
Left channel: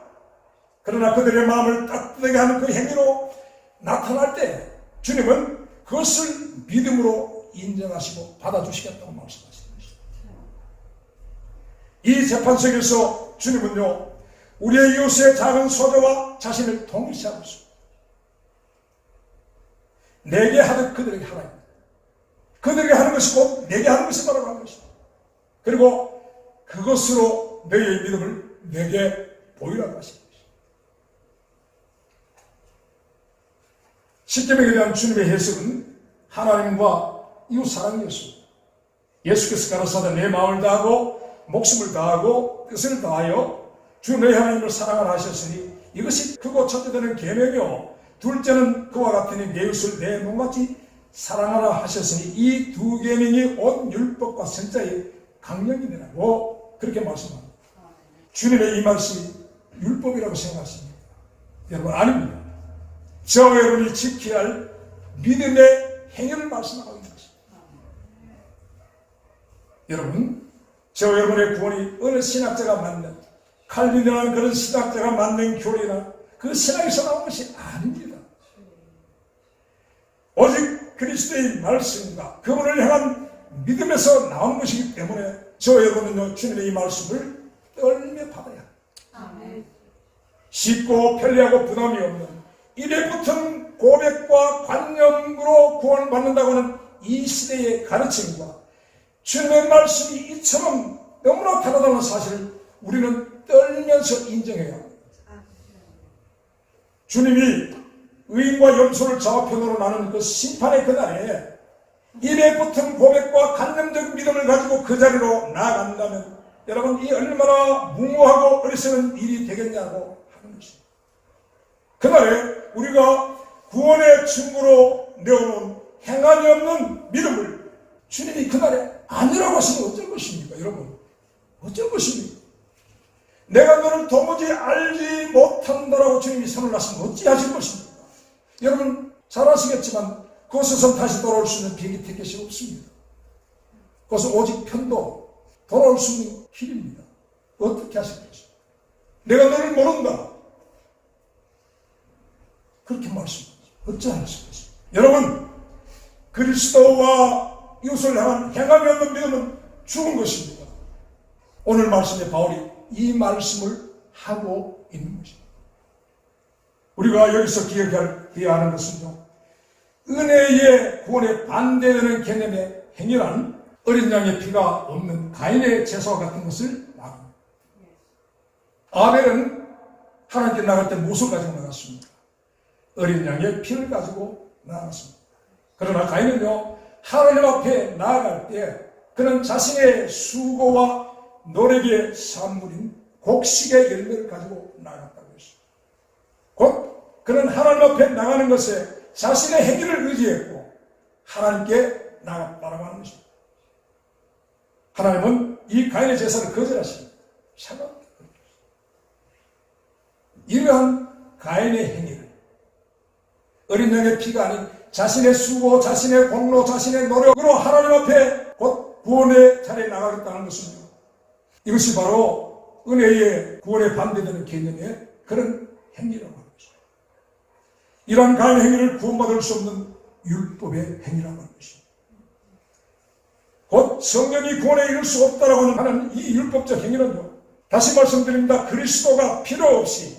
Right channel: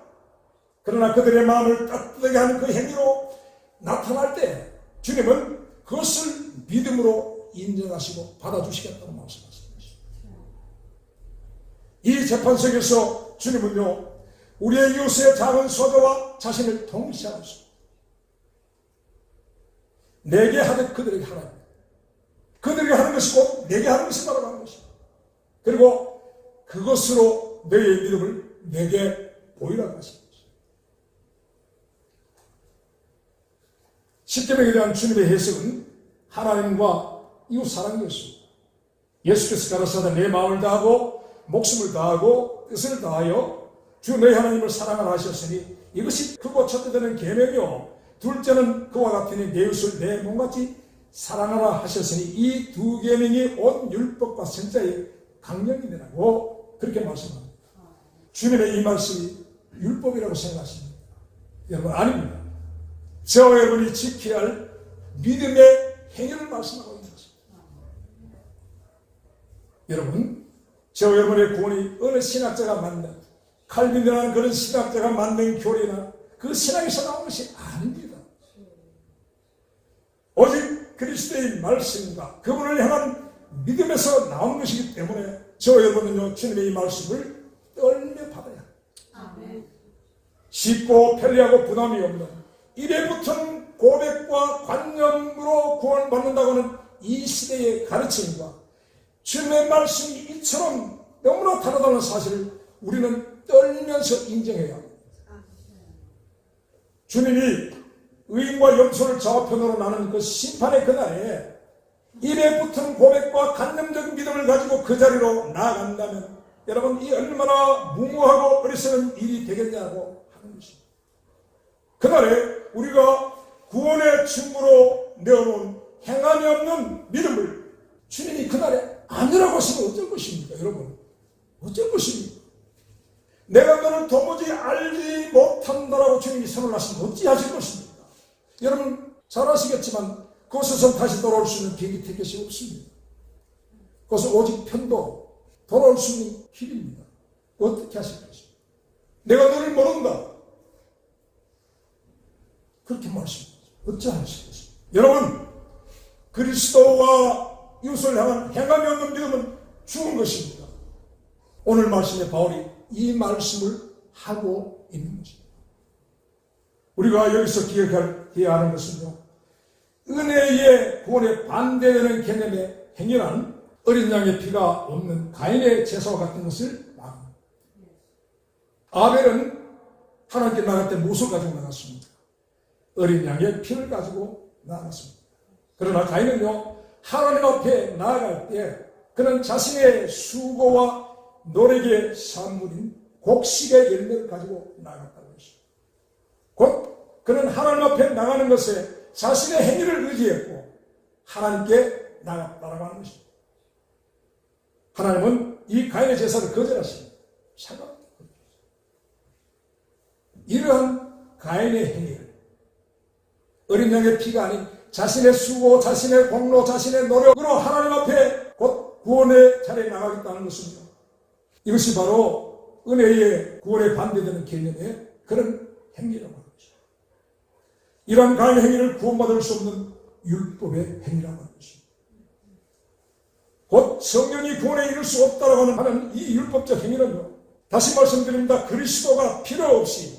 그러나 그들의 마음을 따뜻하게 하는 그 행위로 나타날 때 주님은 그것을 믿음으로 인정하시고 받아주시겠다고 말씀하시는 것입니다. 이 재판석에서 주님은요, 우리의 이웃의 작은 소자와 자신을 동일시하고 있습니다. 내게 하듯 그들에게 하라. 그들에게 하는 것이 곧 내게 하는 것이다라고 하는 것입니다. 그리고 그것으로 너희의 믿음을 내게 보이라고 하십니다. 십계명에 대한 주님의 해석은 하나님과 이웃 사랑이었습니다. 예수께서 가라사대 내 마음을 다하고 목숨을 다하고 뜻을 다하여 주 너희 하나님을 사랑하라 하셨으니 이것이 크고 첫째 되는 계명이요 둘째는 그와 같으니 내 이웃을 내 몸같이 사랑하라 하셨으니 이 두 계명이 온 율법과 선자의 강령이라고 그렇게 말씀합니다. 주님의 이 말씀이 율법이라고 생각하십니까? 여러분, 아닙니다. 저와 여러분이 지켜야 할 믿음의 행위를 말씀하고 있는 것입니다. 여러분, 저와 여러분의 구원이 어느 신학자가 만든 칼빈이라는 그런 신학자가 만든 교리나 그 신학에서 나온 것이 아닙니다. 오직 그리스도의 말씀과 그분을 향한 믿음에서 나온 것이기 때문에 저와 여러분은요, 주님의 이 말씀을 떨며 받아야 합니다. 쉽고 편리하고 부담이 없는 이래 붙은 고백과 관념으로 구원받는다고 하는 이 시대의 가르침과 주님의 말씀이 이처럼 너무나 다르다는 사실을 우리는 떨면서 인정해야 합니다. 주님이 의인과 염소를 좌우편으로 나누는 그 심판의 그날에 이래 붙은 고백과 관념적 믿음을 가지고 그 자리로 나아간다면 여러분 이 얼마나 무모하고 어리석은 일이 되겠냐고 하는 것입니다. 그날에 우리가 구원의 증거로 내어놓은 행함이 없는 믿음을 주님이 그날에 아니라고 하시면 어쩔 것입니까? 여러분 어쩔 것입니까? 내가 너를 도무지 알지 못한다라고 주님이 선언하시면 어찌하실 것입니까? 여러분 잘 아시겠지만 그곳에서 다시 돌아올 수 있는 비행기 티켓이 없습니다. 그것은 오직 편도 돌아올 수 있는 길입니다. 어떻게 하실 것입니까? 내가 너를 모른다. 그렇게 말씀합니다. 어찌하실 것입니까? 여러분 그리스도와 이웃을 향한 행함이 없는 믿음은 죽은 것입니다. 오늘 말씀에 바울이 이 말씀을 하고 있는 것입니다. 우리가 여기서 기억해야 하는 것은요, 은혜의 구원에 반대되는 개념의 행위라는 어린 양의 피가 없는 가인의 제사와 같은 것을 말합니다. 아벨은 하나님께 나갈 때 무엇을 가지고 나갔습니까? 어린 양의 피를 가지고 나갔습니다. 그러나 가인은요, 하나님 앞에 나아갈 때 그는 자신의 수고와 노력의 산물인 곡식의 열매를 가지고 나갔다고 했습니다. 곧 그는 하나님 앞에 나가는 것에 자신의 행위를 의지했고 하나님께 나갔다라고 하는 것입니다. 하나님은 이 가인의 제사를 거절하십니다. 이러한 가인의 행위를 어린 양의 피가 아닌 자신의 수고, 자신의 공로, 자신의 노력으로 하나님 앞에 곧 구원의 자리에 나가겠다는 것입니다. 이것이 바로 은혜의 구원에 반대되는 개념의 그런 행위라고 하는 것입니다. 이러한 가인의 행위를 구원받을 수 없는 율법의 행위라고 하는 것입니다. 곧 성령이 구원에 이룰 수 없다라고 하는 이 율법적 행위는요, 다시 말씀드립니다. 그리스도가 필요 없이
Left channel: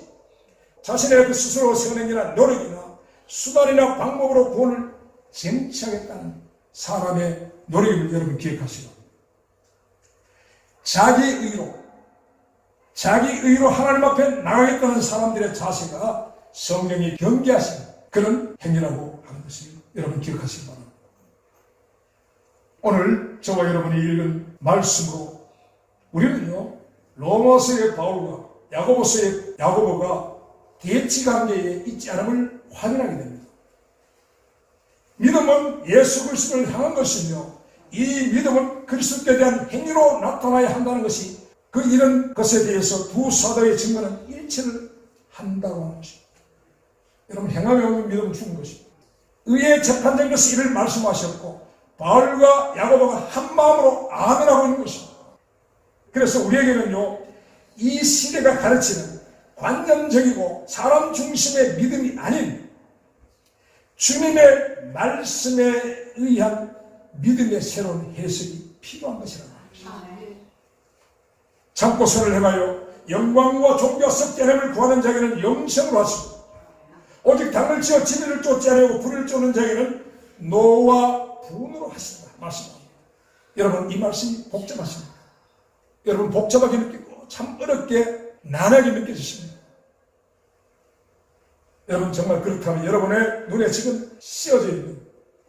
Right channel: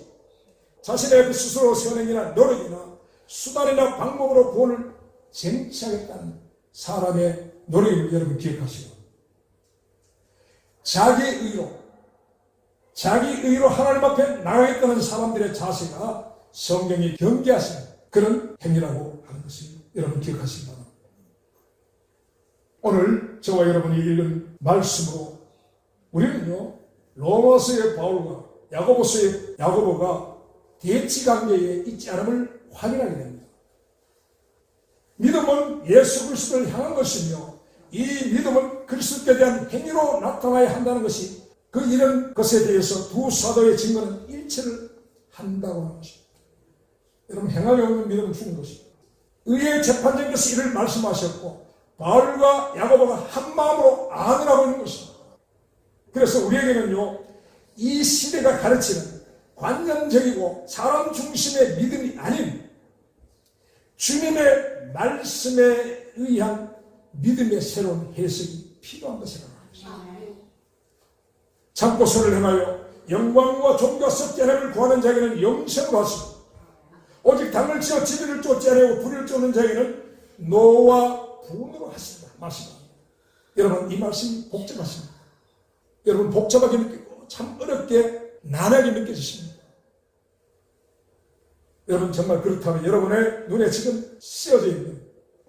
자신의 그 스스로 세운 행위나 노력이나 수단이나 방법으로 구원을 쟁취하겠다는 사람의 노력을 여러분 기억하시고, 자기 의로 하나님 앞에 나가겠다는 사람들의 자세가 성령이 경계하시는 그런 행위라고 하는 것을 여러분 기억하시기 바랍니다. 오늘 저와 여러분이 읽은 말씀으로 우리는요, 로마서의 바울과 야고보서의 야고보가 대치관계에 있지 않음을 확인하게 됩니다. 믿음은 예수 그리스도를 향한 것이며 이 믿음은 그리스도께 대한 행위로 나타나야 한다는 것이 이런 것에 대해서 두 사도의 증거는 일치를 한다고 하는 것입니다. 여러분 행함이 없는 믿음은 죽은 것입니다. 의의 재판장께서 이를 말씀하셨고 바울과 야고보가 한 마음으로 아멘하고 있는 것입니다. 그래서 우리에게는요, 이 시대가 가르치는 관념적이고 사람 중심의 믿음이 아닌 주님의 말씀에 의한 믿음의 새로운 해석이 필요한 것이라고 합니다. 참고 손을 행하여 영광과 존귀와 썩게 구하는 자에게는 영생으로 하시고 오직 당을 지어 진리를 쫓지 아니하고 불을 쫓는 자에게는 노와 분으로 하신다 말씀합니다. 여러분 이 말씀이 복잡하십니다. 여러분 복잡하게 느끼고 참 어렵게 난하게 느껴지십니다. 여러분 정말 그렇다면 여러분의 눈에 지금 씌어져 있는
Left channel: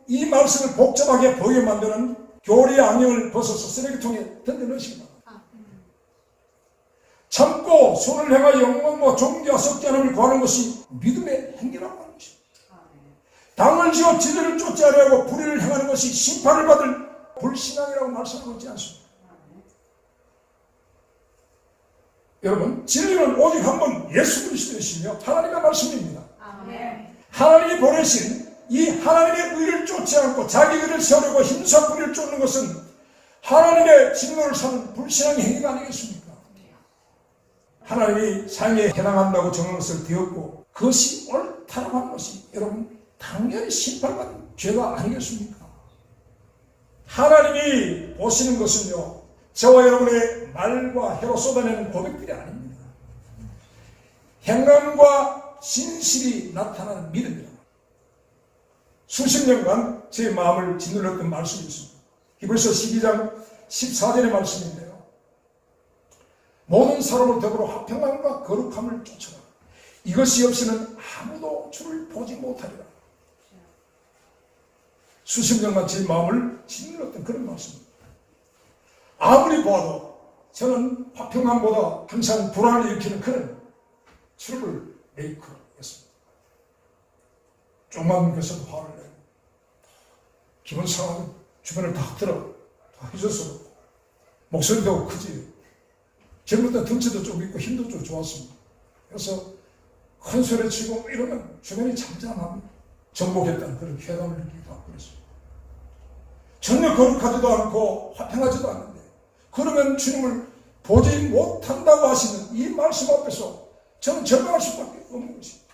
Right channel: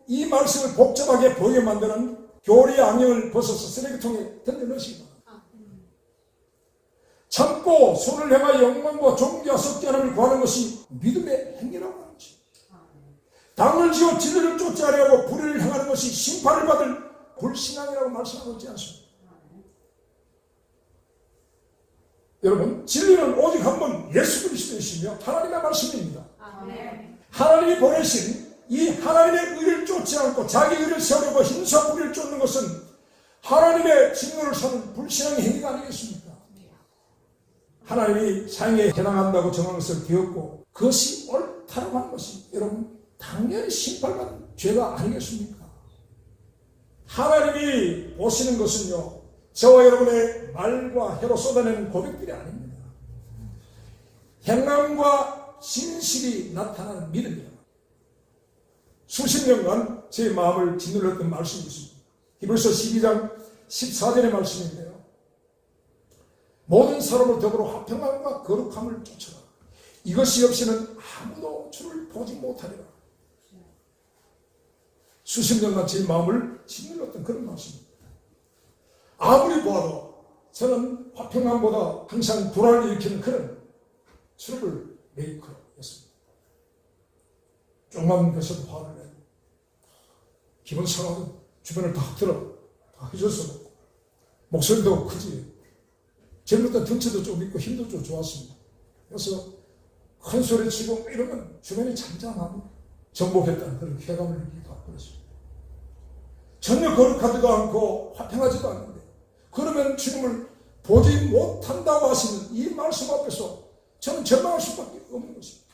이 말씀을 복잡하게 보이게 만드는 교리의 악령을 벗어서 쓰레기통에 던져넣으시기 바랍니다. 참고 손을 행하여 영광과 존귀와 썩지 않음을 구하는 것이 믿음의 행위라고 하는 것입니다. 당을 지어 진리를 쫓지 아니하고 불의를 행하는 것이 심판을 받을 불신앙이라고 말씀하고 있지 않습니까? 여러분 진리는 오직 한 분 예수 그리스도이시며 하나님의 말씀입니다. 하나님이 보내신 이 하나님의 의를 쫓지 않고 자기 의를 세우려고 힘써 불의를 쫓는 것은 하나님의 진노를 사는 불신앙의 행위가 아니겠습니까? 하나님이 상에 해당한다고 정한 것을 되었고 그것이 옳다고 하는 것이 여러분 당연히 심판받는 죄가 아니겠습니까? 하나님이 보시는 것은요, 저와 여러분의 말과 혀로 쏟아내는 고백들이 아닙니다. 행함과 진실이 나타나는 믿음이다. 수십 년간 제 마음을 짓눌렀던 말씀이 있습니다. 히브리서 12장 14절의 말씀인데요. 모든 사람을 더불어 화평함과 거룩함을 쫓아라. 이것이 없이는 아무도 주를 보지 못하리라. 수십 년간 제 마음을 짓눌렀던 그런 말씀입니다. 아무리 보아도 저는 화평함보다 항상 불안을 일으키는 그런 트러블 메이커였습니다. 조금만 것으로 화를 내고 기분 상하고 주변을 다 들어 다 휘저서 목소리도 크지. 전부터 덩치도 좀 있고 힘도 좀 좋았습니다. 그래서 큰 소리 치고 이러면 주변이 잠잠하고 정복했다는 그런 쾌감을 느끼기도 하고 그랬습니다. 전혀 거룩하지도 않고 화평하지도 않은데 그러면 주님을 보지 못한다고 하시는 이 말씀 앞에서 저는 절망할 수밖에 없는 것입니다.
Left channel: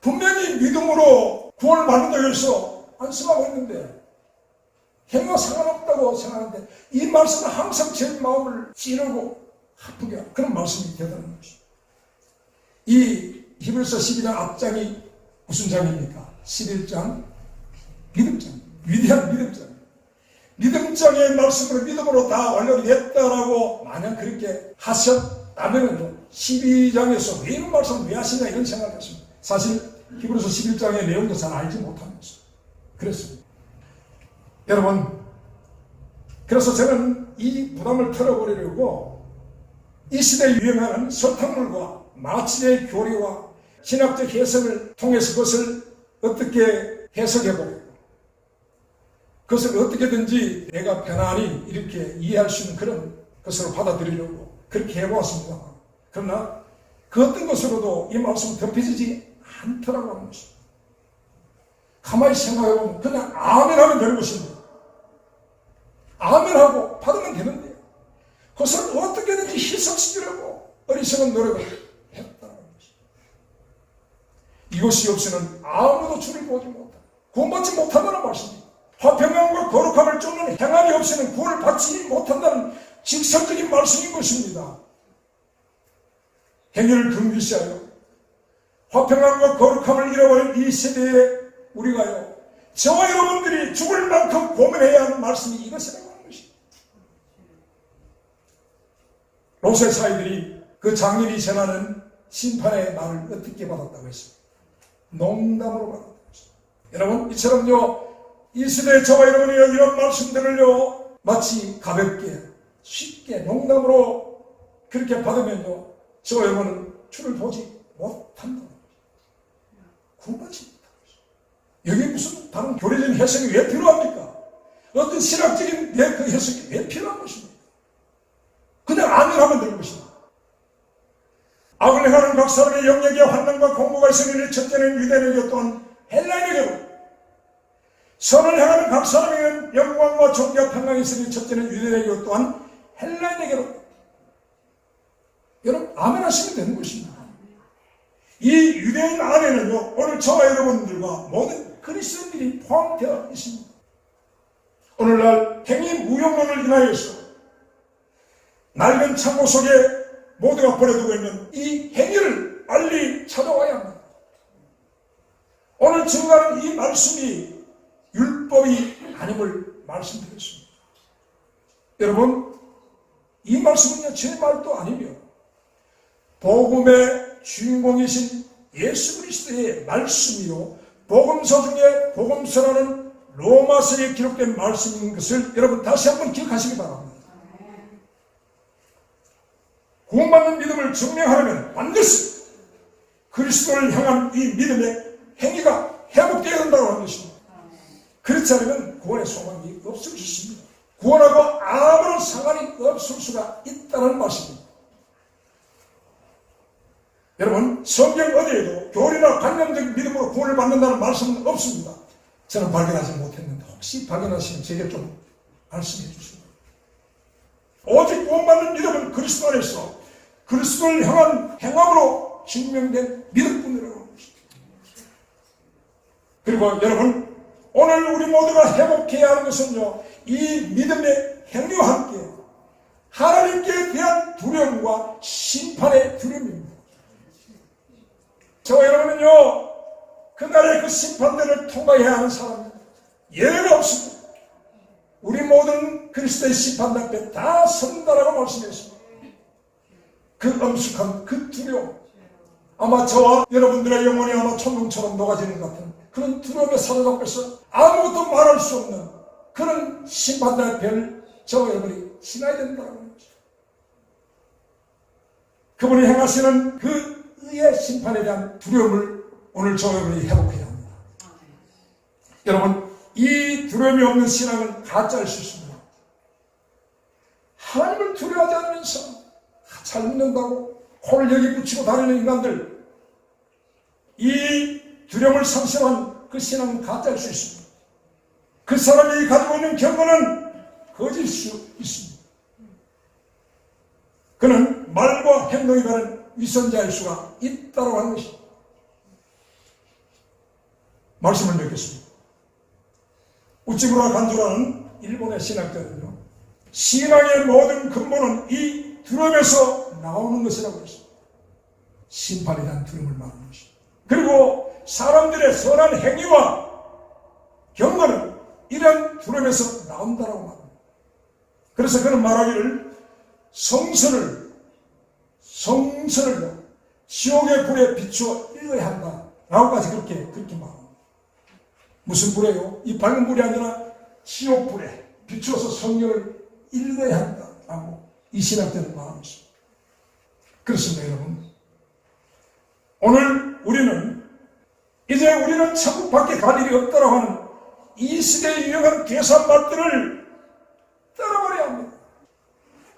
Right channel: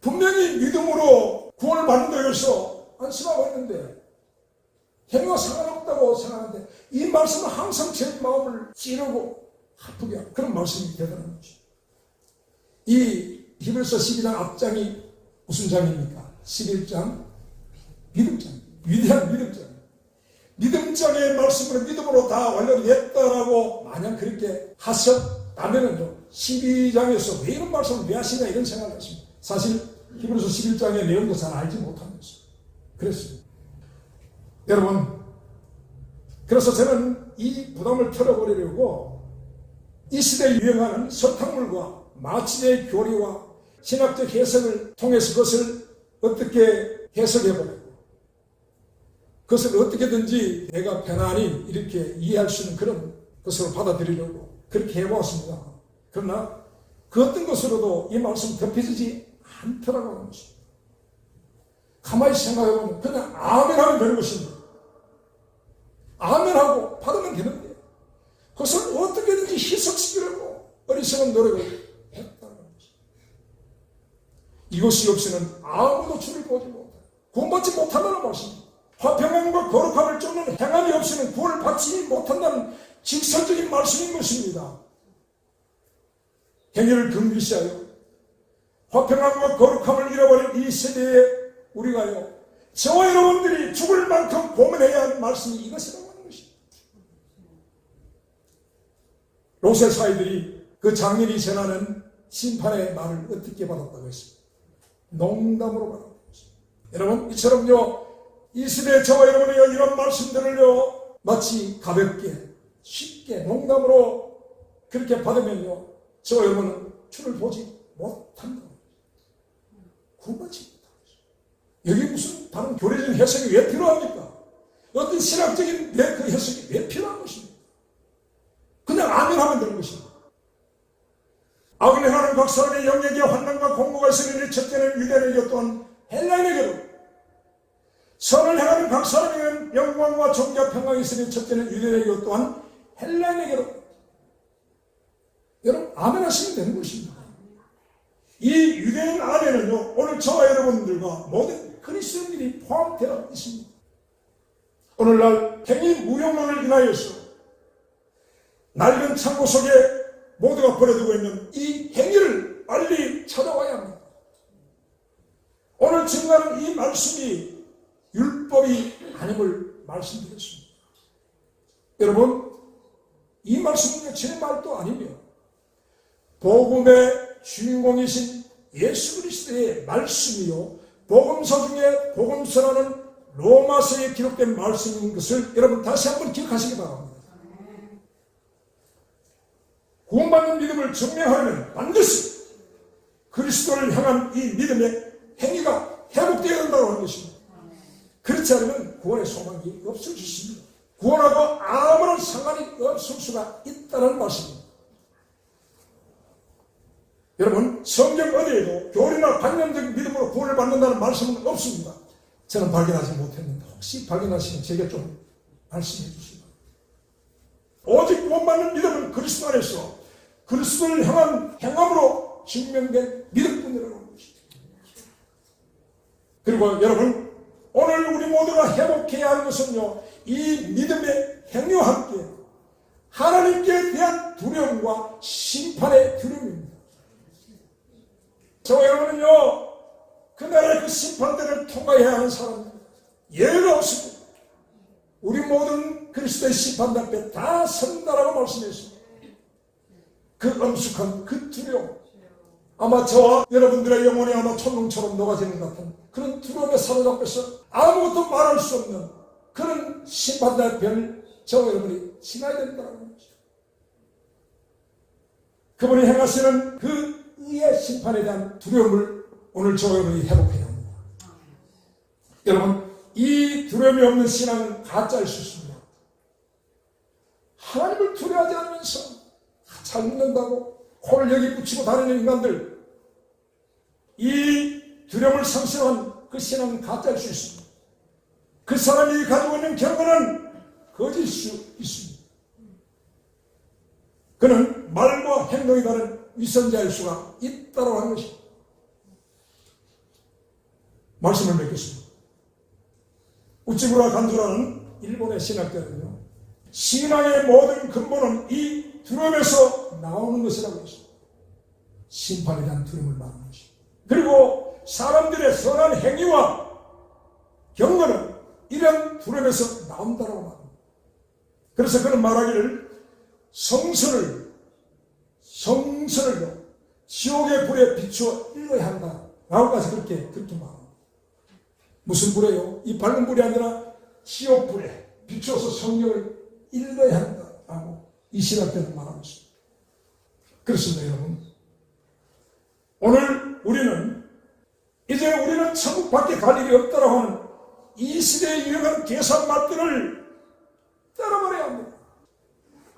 분명히 믿음으로 구원을 받는다고 해서 안심하고 있는데 행위가 상관없다고 생각하는데 이 말씀은 항상 제 마음을 찌르고 아프게 하는 그런 말씀이 되더라는 것입니다. 이 히브리서 12장 앞장이 무슨 장입니까? 11장 믿음장, 위대한 믿음장. 믿음장의 말씀으로 믿음으로 다 완료됐다라고 만약 그렇게 하셨다면요 12장에서 왜 이런 말씀을 왜 하시냐 이런 생각을 했습니다. 사실 히브리서 11장의 내용도 잘 알지 못한 것입니다. 그렇습니다. 여러분, 그래서 저는 이 부담을 털어버리려고 이 시대에 유행하는 설탕물과 마치의 교리와 신학적 해석을 통해서 그것을 어떻게 해석해버리고 그것을 어떻게든지 내가 편안히 이렇게 이해할 수 있는 그런 것으로 받아들이려고 그렇게 해보았습니다. 그러나 그 어떤 것으로도 이 말씀은 덮여지지 않더라고 하는 것입니다. 가만히 생각해보면 그냥 아멘하면 되는 것입니다. 아멘하고 받으면 되는데 그것을 어떻게든지 희석시키려고 어리석은 노력을 했다는 것입니다. 이것이 없이는 아무도 주를 보지 못한다. 구원받지 못한다는 말씀입니다. 화평함과 거룩함을 쫓는 행함이 없이는 구원을 받지 못한다는 직설적인 말씀인 것입니다. 행위를 금기시하여 화평함과 거룩함을 잃어버린 이 세대에 우리가요 저와 여러분들이 죽을 만큼 고민해야 하는 말씀이 이것이라고 하는 것입니다. 롯의 사이들이 그 장년이 전하는 심판의 말을 어떻게 받았다고 했습니다. 농담으로 받았다고 했습니다. 여러분 이처럼요 이 시대에 저와 여러분이 이런 말씀들을요 마치 가볍게 쉽게 농담으로 그렇게 받으면요 저와 여러분은 주를 보지 못한다. 구원받지 못한다. 여기 무슨 다른 교리적인 해석이 왜 필요합니까? 어떤 신학적인 그 해석이 왜 필요한 것입니까? 그냥 아멘하면 되는 것입니다. 악을 행하는 각 사람의 영역에 환난과 공고가 있으니 첫째는 유대인에게 또한 헬라인에게로 선을 행하는 각 사람에게는 영광과 존귀와 평강이 있으니 첫째는 유대인에게 또한 헬라인에게로. 여러분 아멘 하시면 되는 것입니다. 이 유대인 안에는요 오늘 저와 여러분들과 모든 그리스도인들이 포함되어 있습니다. 오늘날 행위 무용론을 인하여서 낡은 창고 속에 모두가 버려두고 있는 이 행위를 빨리 찾아와야 합니다. 오늘 증거하는 이 말씀이 율법이 아님을 말씀드렸습니다. 여러분 이 말씀은요 제 말도 아니며 복음의 주인공이신 예수 그리스도의 말씀이요 복음서 중에 복음서라는 로마서에 기록된 말씀인 것을 여러분 다시 한번 기억하시기 바랍니다. 구원받는 믿음을 증명하려면 반드시 그리스도를 향한 이 믿음의 행위가 회복되어야 한다고 하는 것입니다. 그렇지 않으면 구원의 소망이 없을 수 있습니다. 구원하고 아무런 상관이 없을 수가 있다는 말씀입니다. 여러분 성경 어디에도 교리나 관념적 믿음으로 구원을 받는다는 말씀은 없습니다. 저는 발견하지 못했는데 혹시 발견하시면 제게 좀 말씀해 주시기 바랍니다. 오직 구원받는 믿음은 그리스도 안에서 그리스도를 향한 행함으로 증명된 믿음뿐이라고 하는 것입니다. 그리고 여러분 오늘 우리 모두가 회복해야 하는 것은요 이 믿음의 행위와 함께 하나님께 대한 두려움과 심판의 두려움입니다. 저와 여러분은요, 그날의 그 심판대를 통과해야 하는 사람입니다. 예외가 없습니다. 우리 모든 그리스도의 심판 앞에 다 선다라고 말씀했습니다. 그 엄숙한 그 두려움, 아마 저와 여러분들의 영혼이 아마 천둥처럼 녹아지는 것 같은 그런 두려움에 사로잡혀서 아무것도 말할 수 없는 그런 심판대 앞을 저와 여러분이 지나야 된다는 거죠. 그분이 행하시는 그 의의 심판에 대한 두려움을 오늘 저와 여러분이 회복해야 합니다. 여러분, 이 두려움이 없는 신앙은 가짜일 수 있습니다. 하나님을 두려워하지 않으면서 잘 믿는다고 코를 여기 붙이고 다니는 인간들, 이 두려움을 상실한 그 신앙은 가짜일 수 있습니다. 그 사람이 가지고 있는 경건은 거짓일 수 있습니다. 그는 말과 행동이 다른 위선자일 수가 있다고 하는 것입니다. 말씀을 맺겠습니다. 우찌무라 간조라는 일본의 신학자는요, 신앙의 모든 근본은 이 두려움에서 나오는 것이라고 했습니다. 심판에 대한 두려움을 말하는 것입니다. 그리고 사람들의 선한 행위와 경건은 이런 두려움에서 나온다고 말합니다. 그래서 그는 말하기를 성선을 지옥의 불에 비추어 읽어야 한다 라고까지 그렇게 말합니다. 무슨 불에요? 이 밝은 불이 아니라 지옥 불에 비추어서 성경을 읽어야 한다라고 이 신학자는 말합니다. 그렇습니다, 여러분. 오늘 우리는 천국 밖에 갈 일이 없다고 하는 이 시대의 유행한 계산맛들을 떨어버려야 합니다.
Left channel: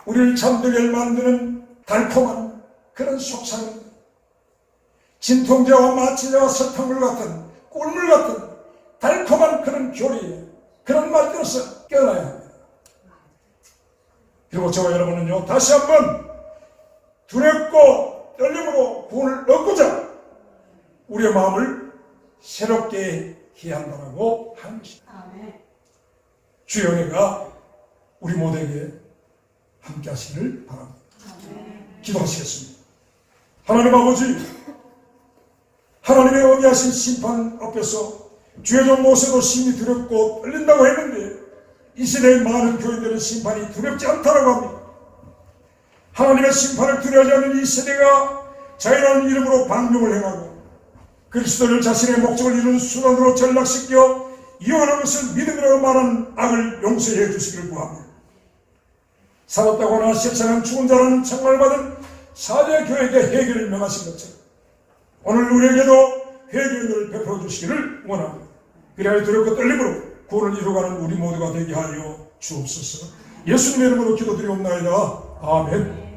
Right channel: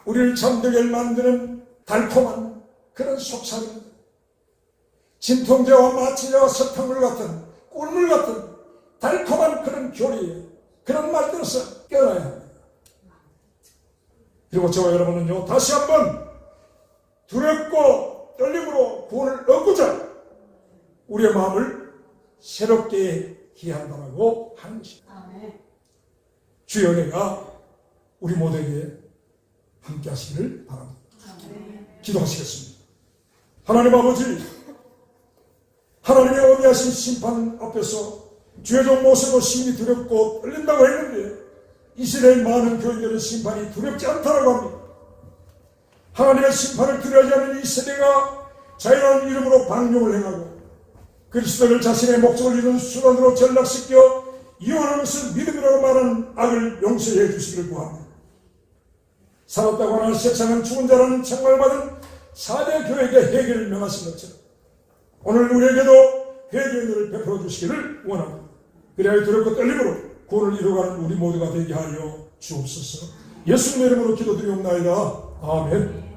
우리를 잠들게 만드는 달콤한 그런 속삭임, 진통제와 마취제와 설탕물 같은 꿀물 같은 달콤한 그런 교리, 그런 말들에서 깨어나야 합니다. 그리고 저와 여러분은요, 다시 한번 두렵고 떨림으로 구원을 얻고자 우리의 마음을 새롭게 해야 한다고 하는 것입니다. 주의 은혜가 우리 모두에게 함께 하시기를 바랍니다. 기도하시겠습니다. 하나님 아버지, 하나님의 어미하신 심판 앞에서 주의 종 모세도 심히 두렵고 떨린다고 했는데 이 시대의 많은 교인들은 심판이 두렵지 않다고 합니다. 하나님의 심판을 두려워하지 않는 이 세대가 자유라는 이름으로 방종을 행하고 그리스도를 자신의 목적을 이루는 수단으로 전락시켜 이용하는 것을 믿음이라고 말하는 악을 용서해 주시기를 구합니다. 살았다고 하나 세상은 죽은 자라는 책망을 사대 교회에게 회개를 명하신 것처럼 오늘 우리에게도 회개의 은혜를 베풀어 주시기를 원합니다. 그래야 두렵고 떨림으로 구원을 이루어가는 우리 모두가 되게 하여 주옵소서. 예수님의 이름으로 기도드리옵나이다. 아멘.